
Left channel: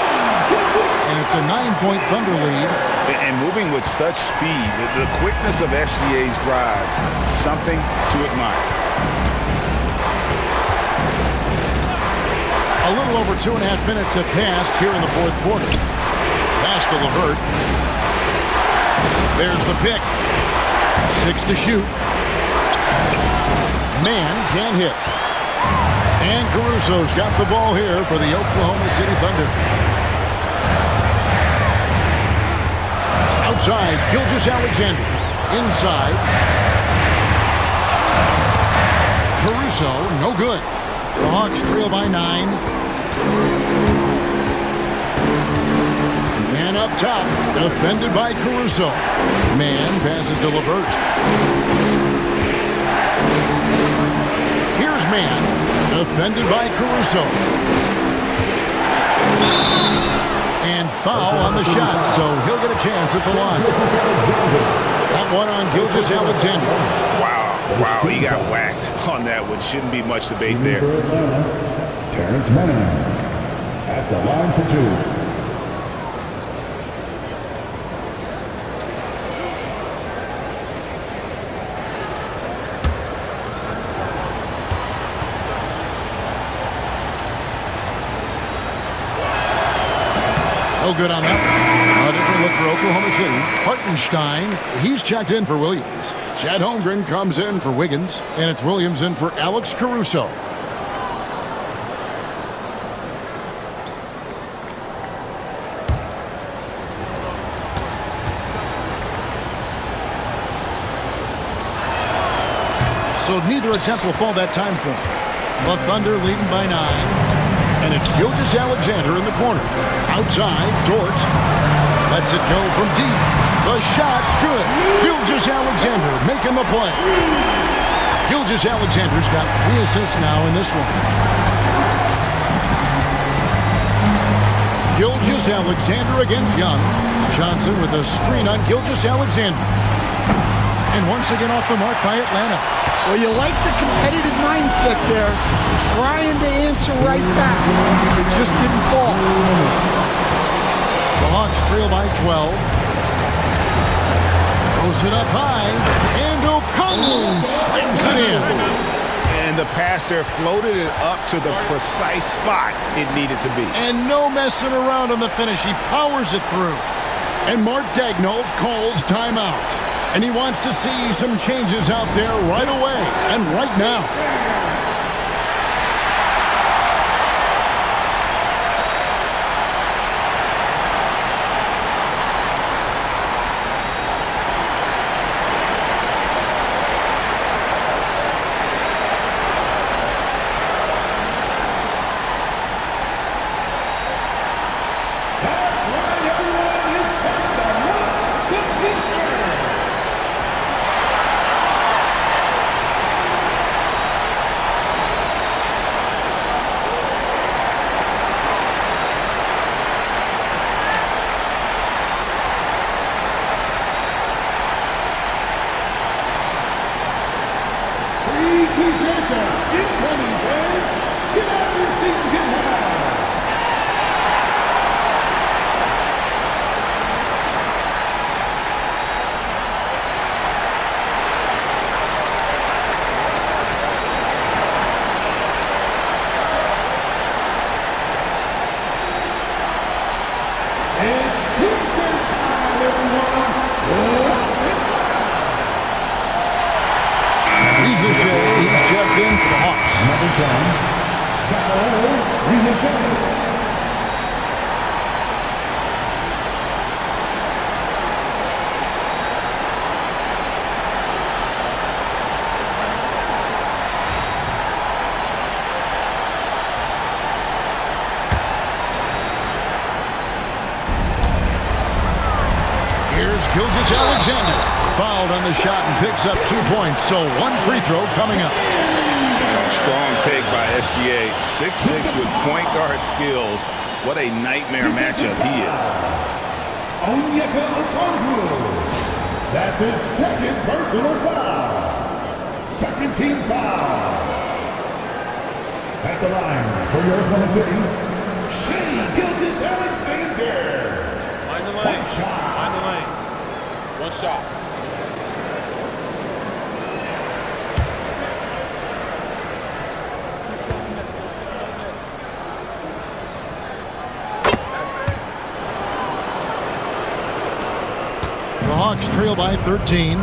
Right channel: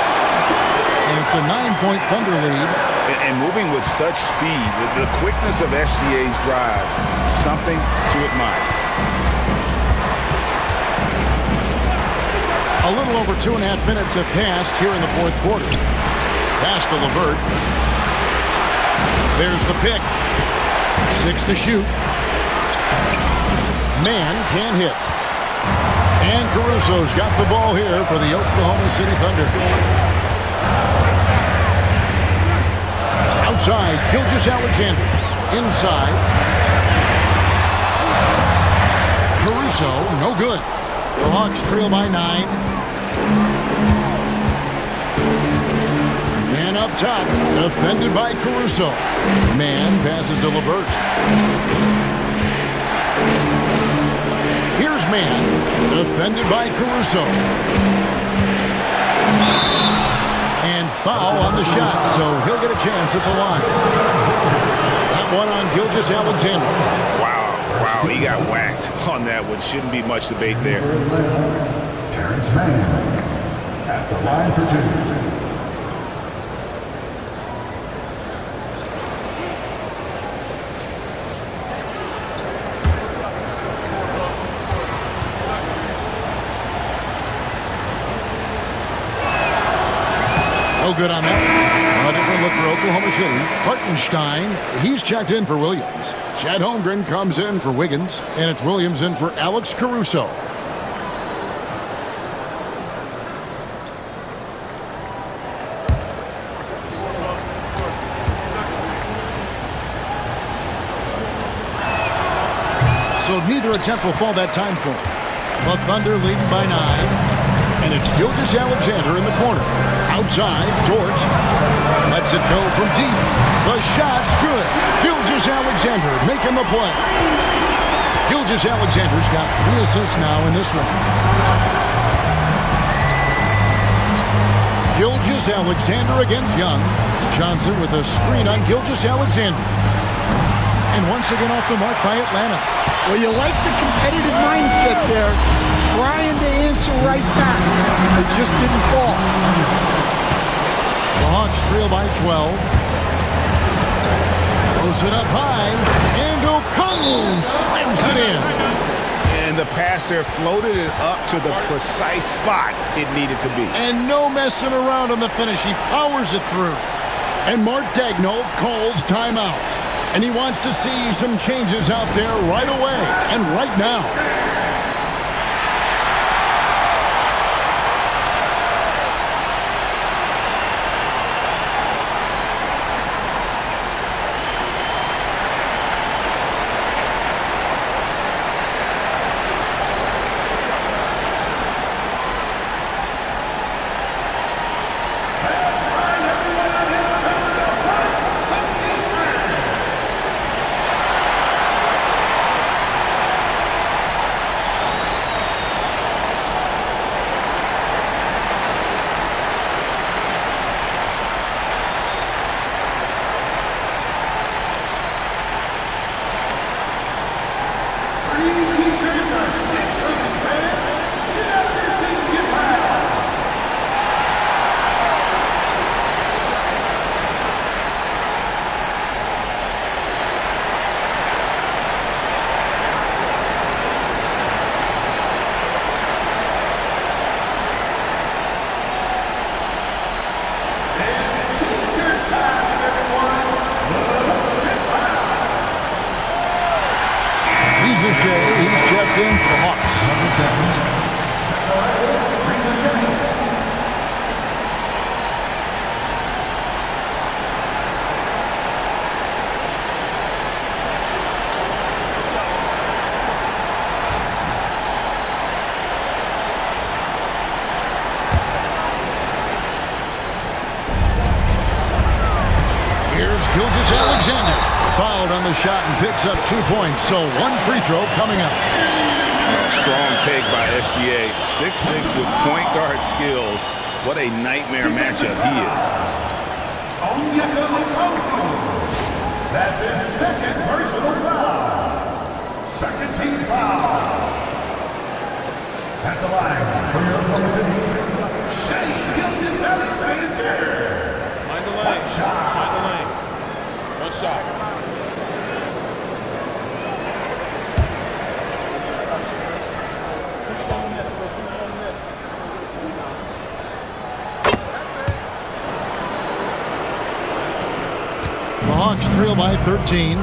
And it's a 9-point Thunder lead. And moving with such speed, the quickness of SGA's drives, something to admire. A little over 2.5 minutes have passed here in the fourth quarter. Pass to LeVert. There's the pick. 6 to shoot. Man can't hit. And Caruso's got the ball here for the Oklahoma City Thunder. Outside, Gilgeous-Alexander. Inside. Caruso, no good. The Hawks trail by 9. Man up top, defended by Caruso. Man passes to LeVert. Here's Man, defended by Caruso. And foul on the shot, so he'll get a chance at the line. That one on Gilgeous-Alexander. Wow, he got whacked on that one. Shouldn't be much debate there. Terrence Mann at the line for 2. No good on that one. A different look for Oklahoma City. Hartenstein, he's checked in for Williams. Chad Holmgren comes in for Wiggins, and it's Williams in for Alex Caruso. So neither attempt will fall that time for him. The Thunder leading by 9. And it's Gilgeous-Alexander in the corner. Outside, Dort lets it go from deep. The shot's good. Gilgeous-Alexander making the play. Gilgeous-Alexander's got 3 assists now in this one. Gilgeous-Alexander against Young. Johnson with a screen on Gilgeous-Alexander. And once again off the mark by Atlanta. Well, you like the competitive mindset there, trying to answer right back. It just didn't fall. The Hawks trail by 12. Throws it up high, and Okongwu slams it in. And the pass there floated it up to the precise spot it needed to be. And no messing around on the finish. He powers it through. And Mark Daigneault calls timeout. And he wants to see some changes out there right away and right now. He's checked in for the Hawks. Number 10, Gilgeous-Alexander. Fouled on the shot and picks up 2 points. So 1 free throw coming up. Strong take by SGA. 6'6" with point guard skills. What a nightmare matchup he is. That's his second personal foul. Second team foul. At the line for your Oklahoma City, Shea Gilgeous-Alexander. Mind the lane. Mind the lane. 1 shot. The Hawks trail by 13.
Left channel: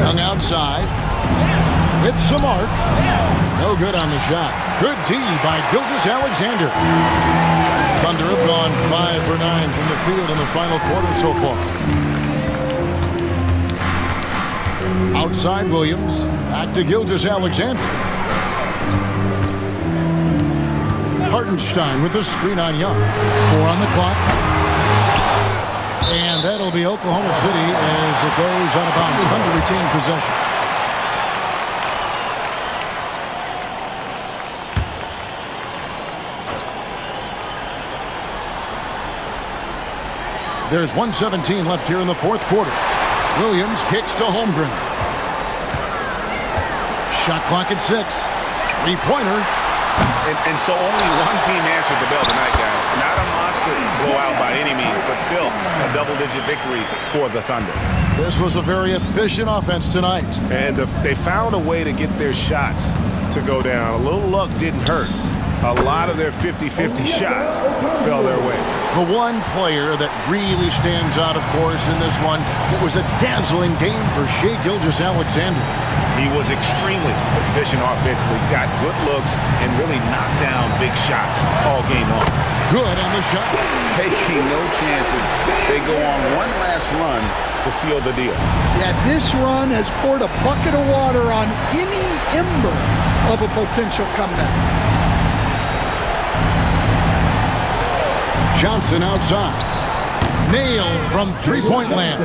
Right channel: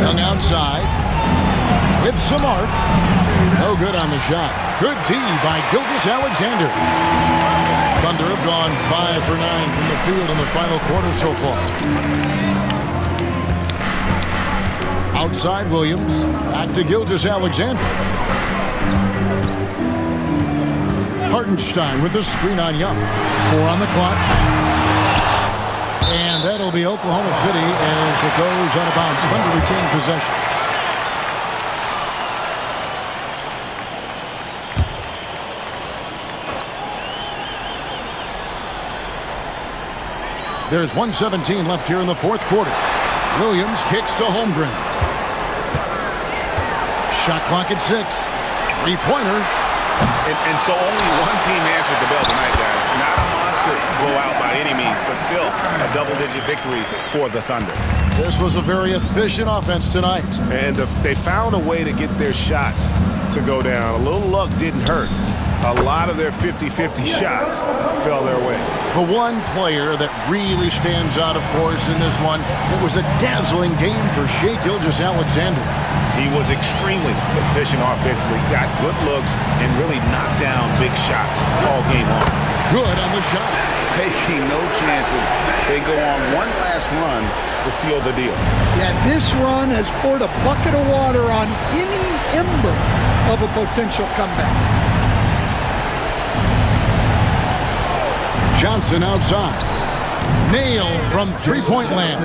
Young outside with some arc. No good on the shot. Good D by Gilgeous-Alexander. Thunder have gone 5 for 9 from the field in the final quarter so far. Outside Williams. Back to Gilgeous-Alexander. Hartenstein with the screen on Young. 4 on the clock. And that'll be Oklahoma City as it goes out of bounds. Thunder retain possession. There's 1:17 left here in the fourth quarter. Williams kicks to Holmgren. Shot clock at 6. Three-pointer. And so only one team answered the bell tonight, guys. Not a monster blowout by any means, but still a double-digit victory for the Thunder. This was a very efficient offense tonight. And they found a way to get their shots to go down. A little luck didn't hurt. A lot of their 50-50 shots fell their way. The one player that really stands out, of course, in this one, it was a dazzling game for Shea Gilgeous-Alexander. He was extremely efficient offensively, got good looks, and really knocked down big shots all game long. Good on the shot. Taking no chances. They go on one last run to seal the deal. Yeah, this run has poured a bucket of water on any ember of a potential comeback. Johnson outside. Nailed from three-point land.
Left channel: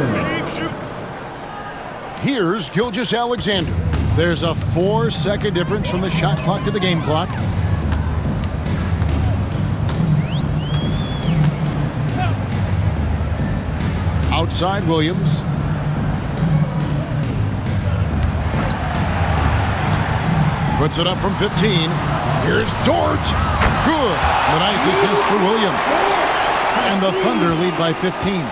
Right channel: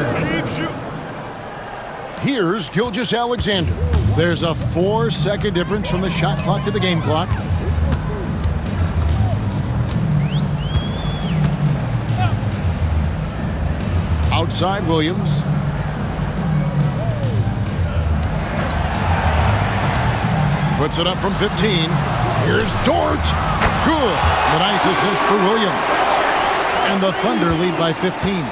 Here's Gilgeous-Alexander. There's a 4-second difference from the shot clock to the game clock. Outside Williams. Puts it up from 15. Here's Dort. Good. The nice assist for Williams. And the Thunder lead by 15.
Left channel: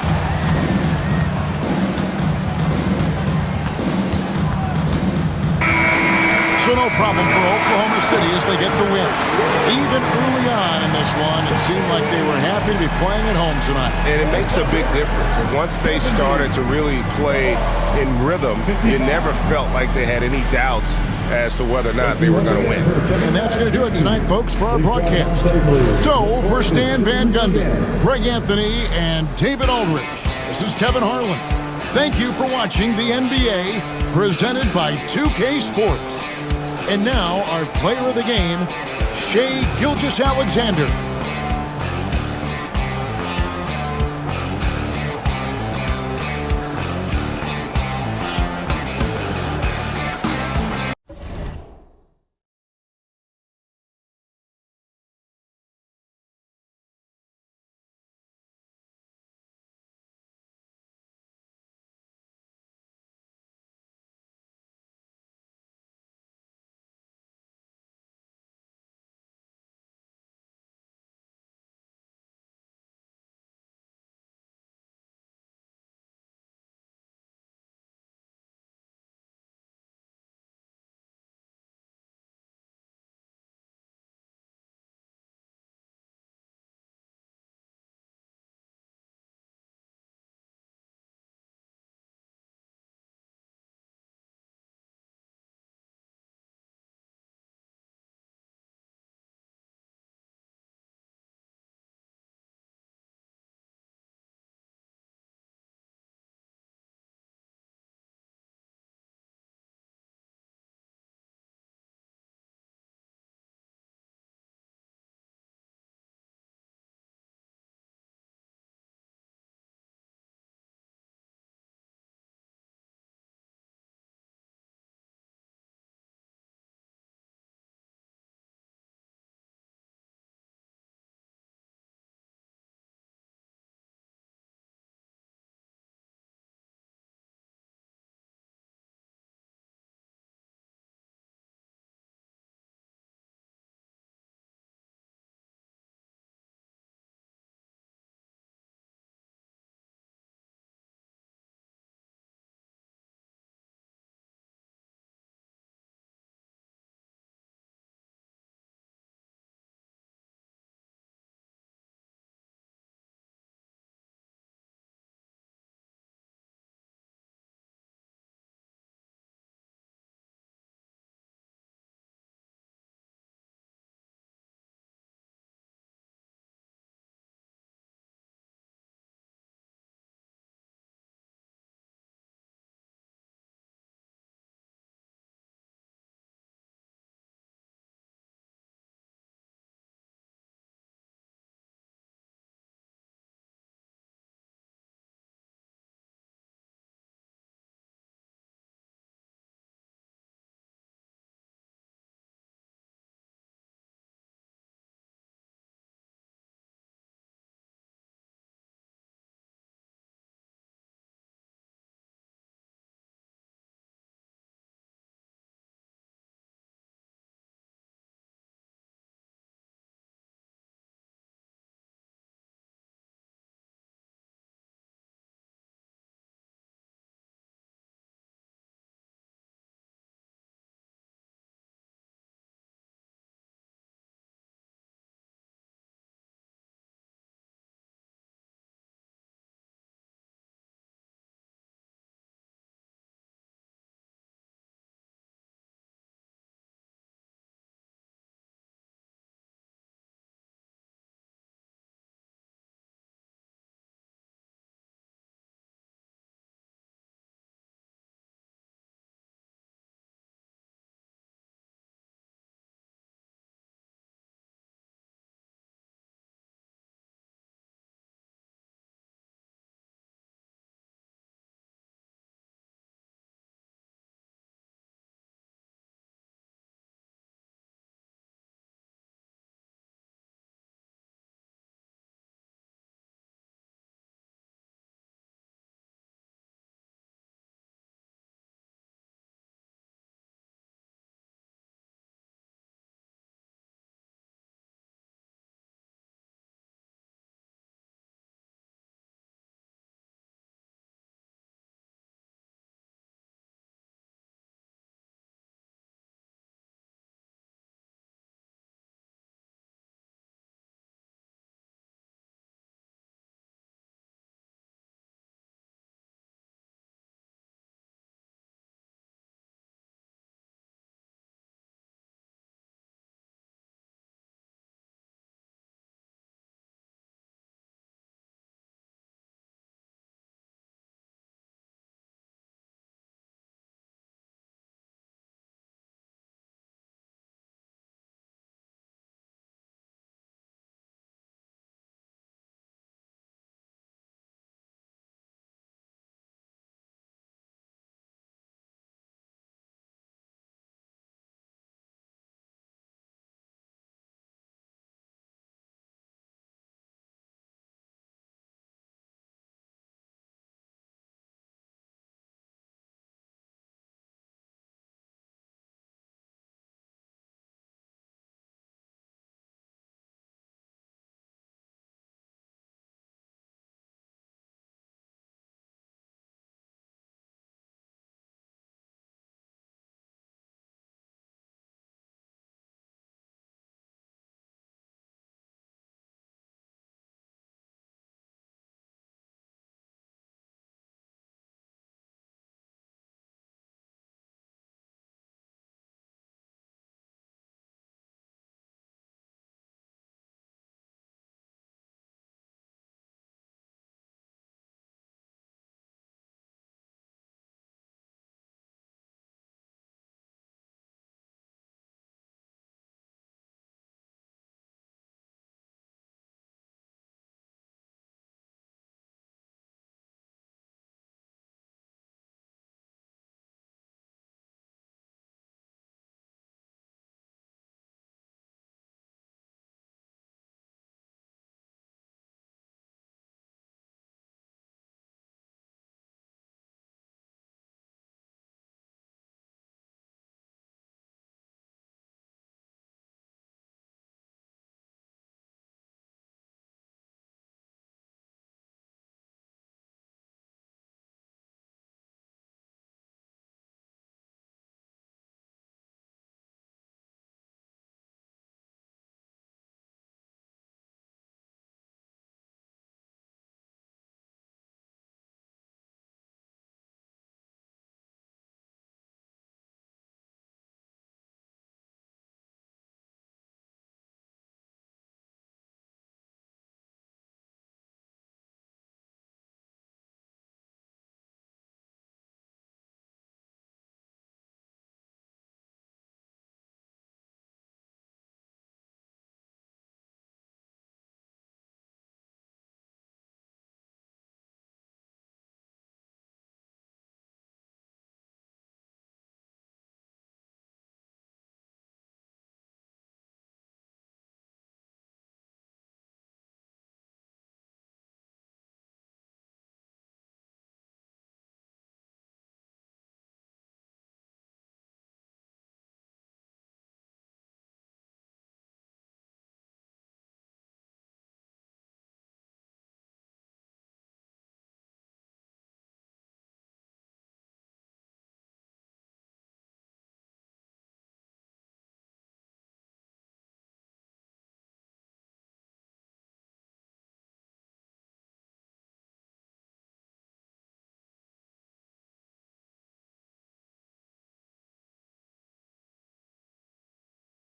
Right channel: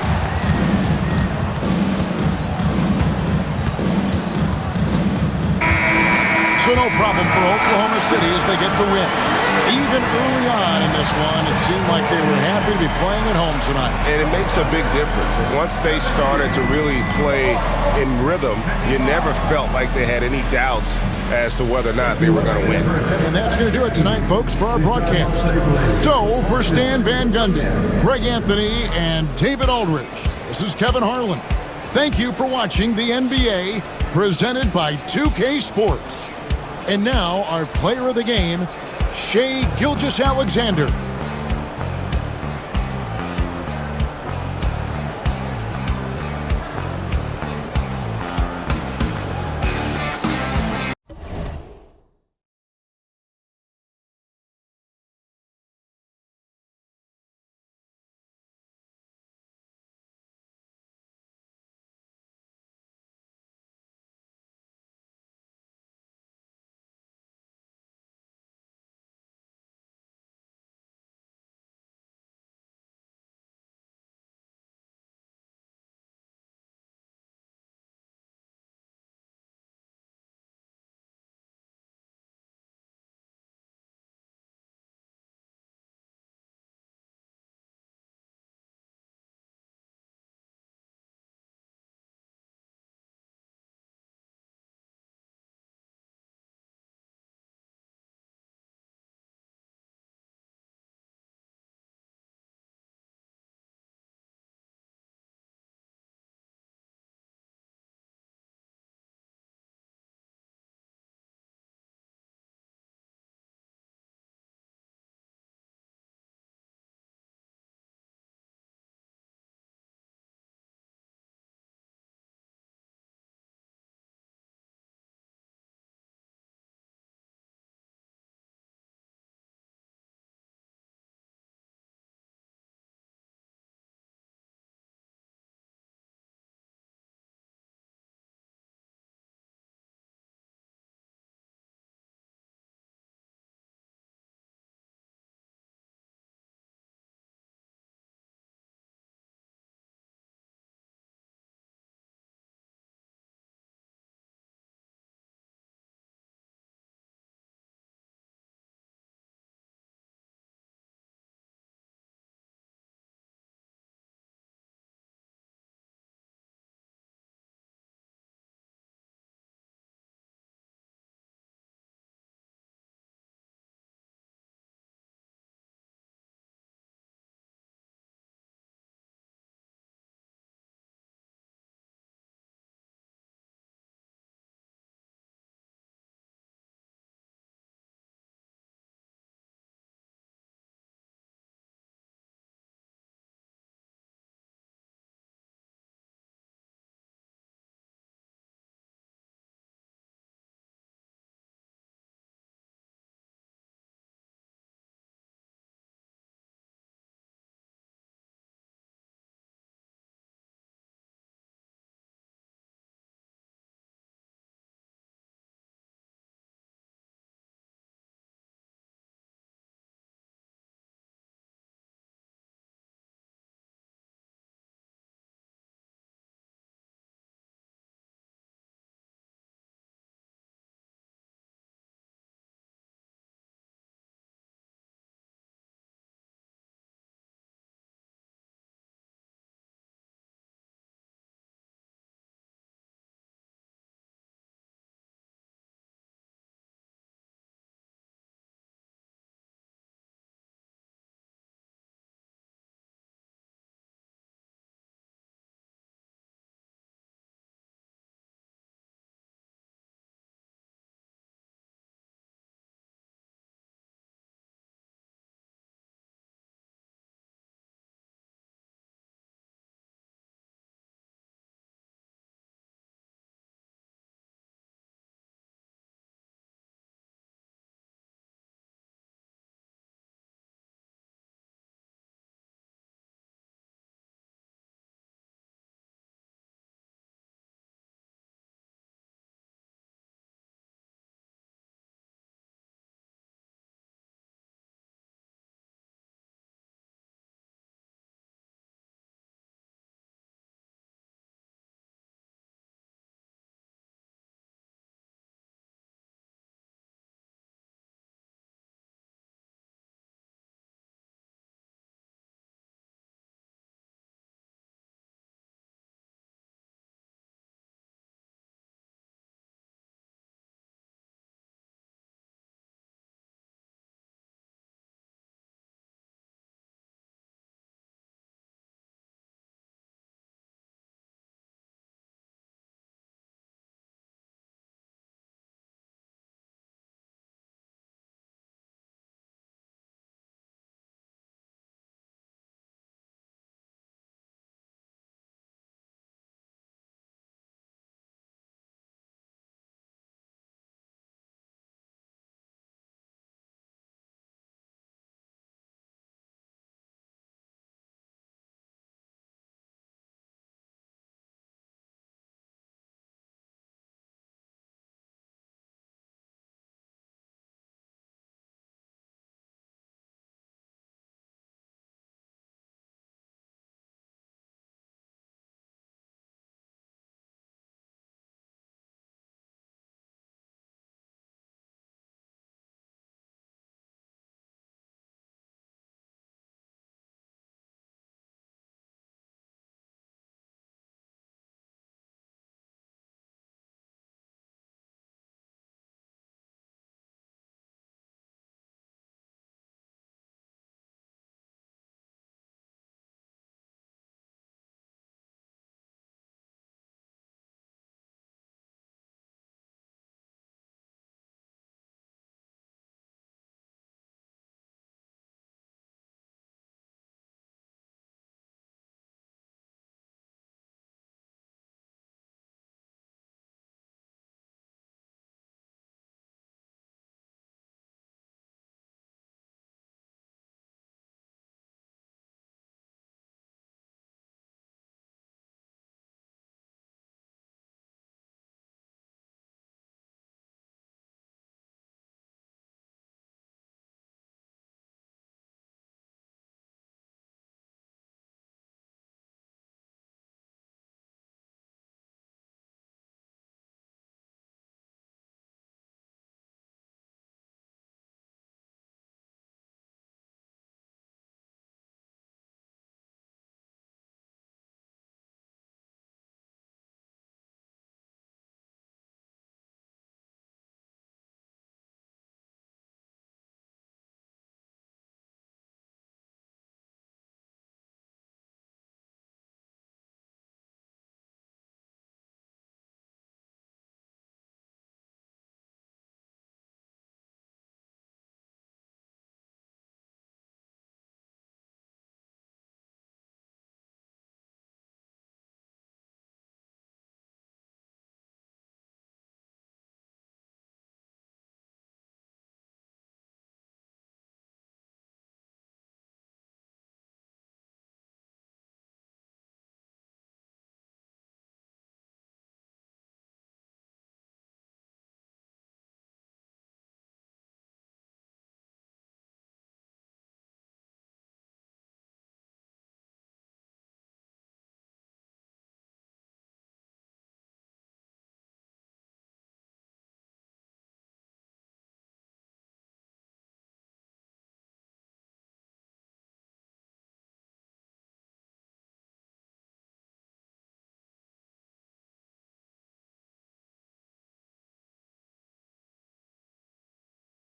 So no problem for Oklahoma City as they get the win. Even early on in this one, it seemed like they were happy to be playing at home tonight. And it makes a big difference. Once they started to really play in rhythm, you never felt like they had any doubts as to whether or not they were going to win. And that's going to do it tonight, folks, for our broadcast. So, for Stan Van Gundy, Greg Anthony, and David Aldridge, this is Kevin Harlan. Thank you for watching the NBA, presented by 2K Sports. And now, our player of the game, Shea Gilgeous-Alexander.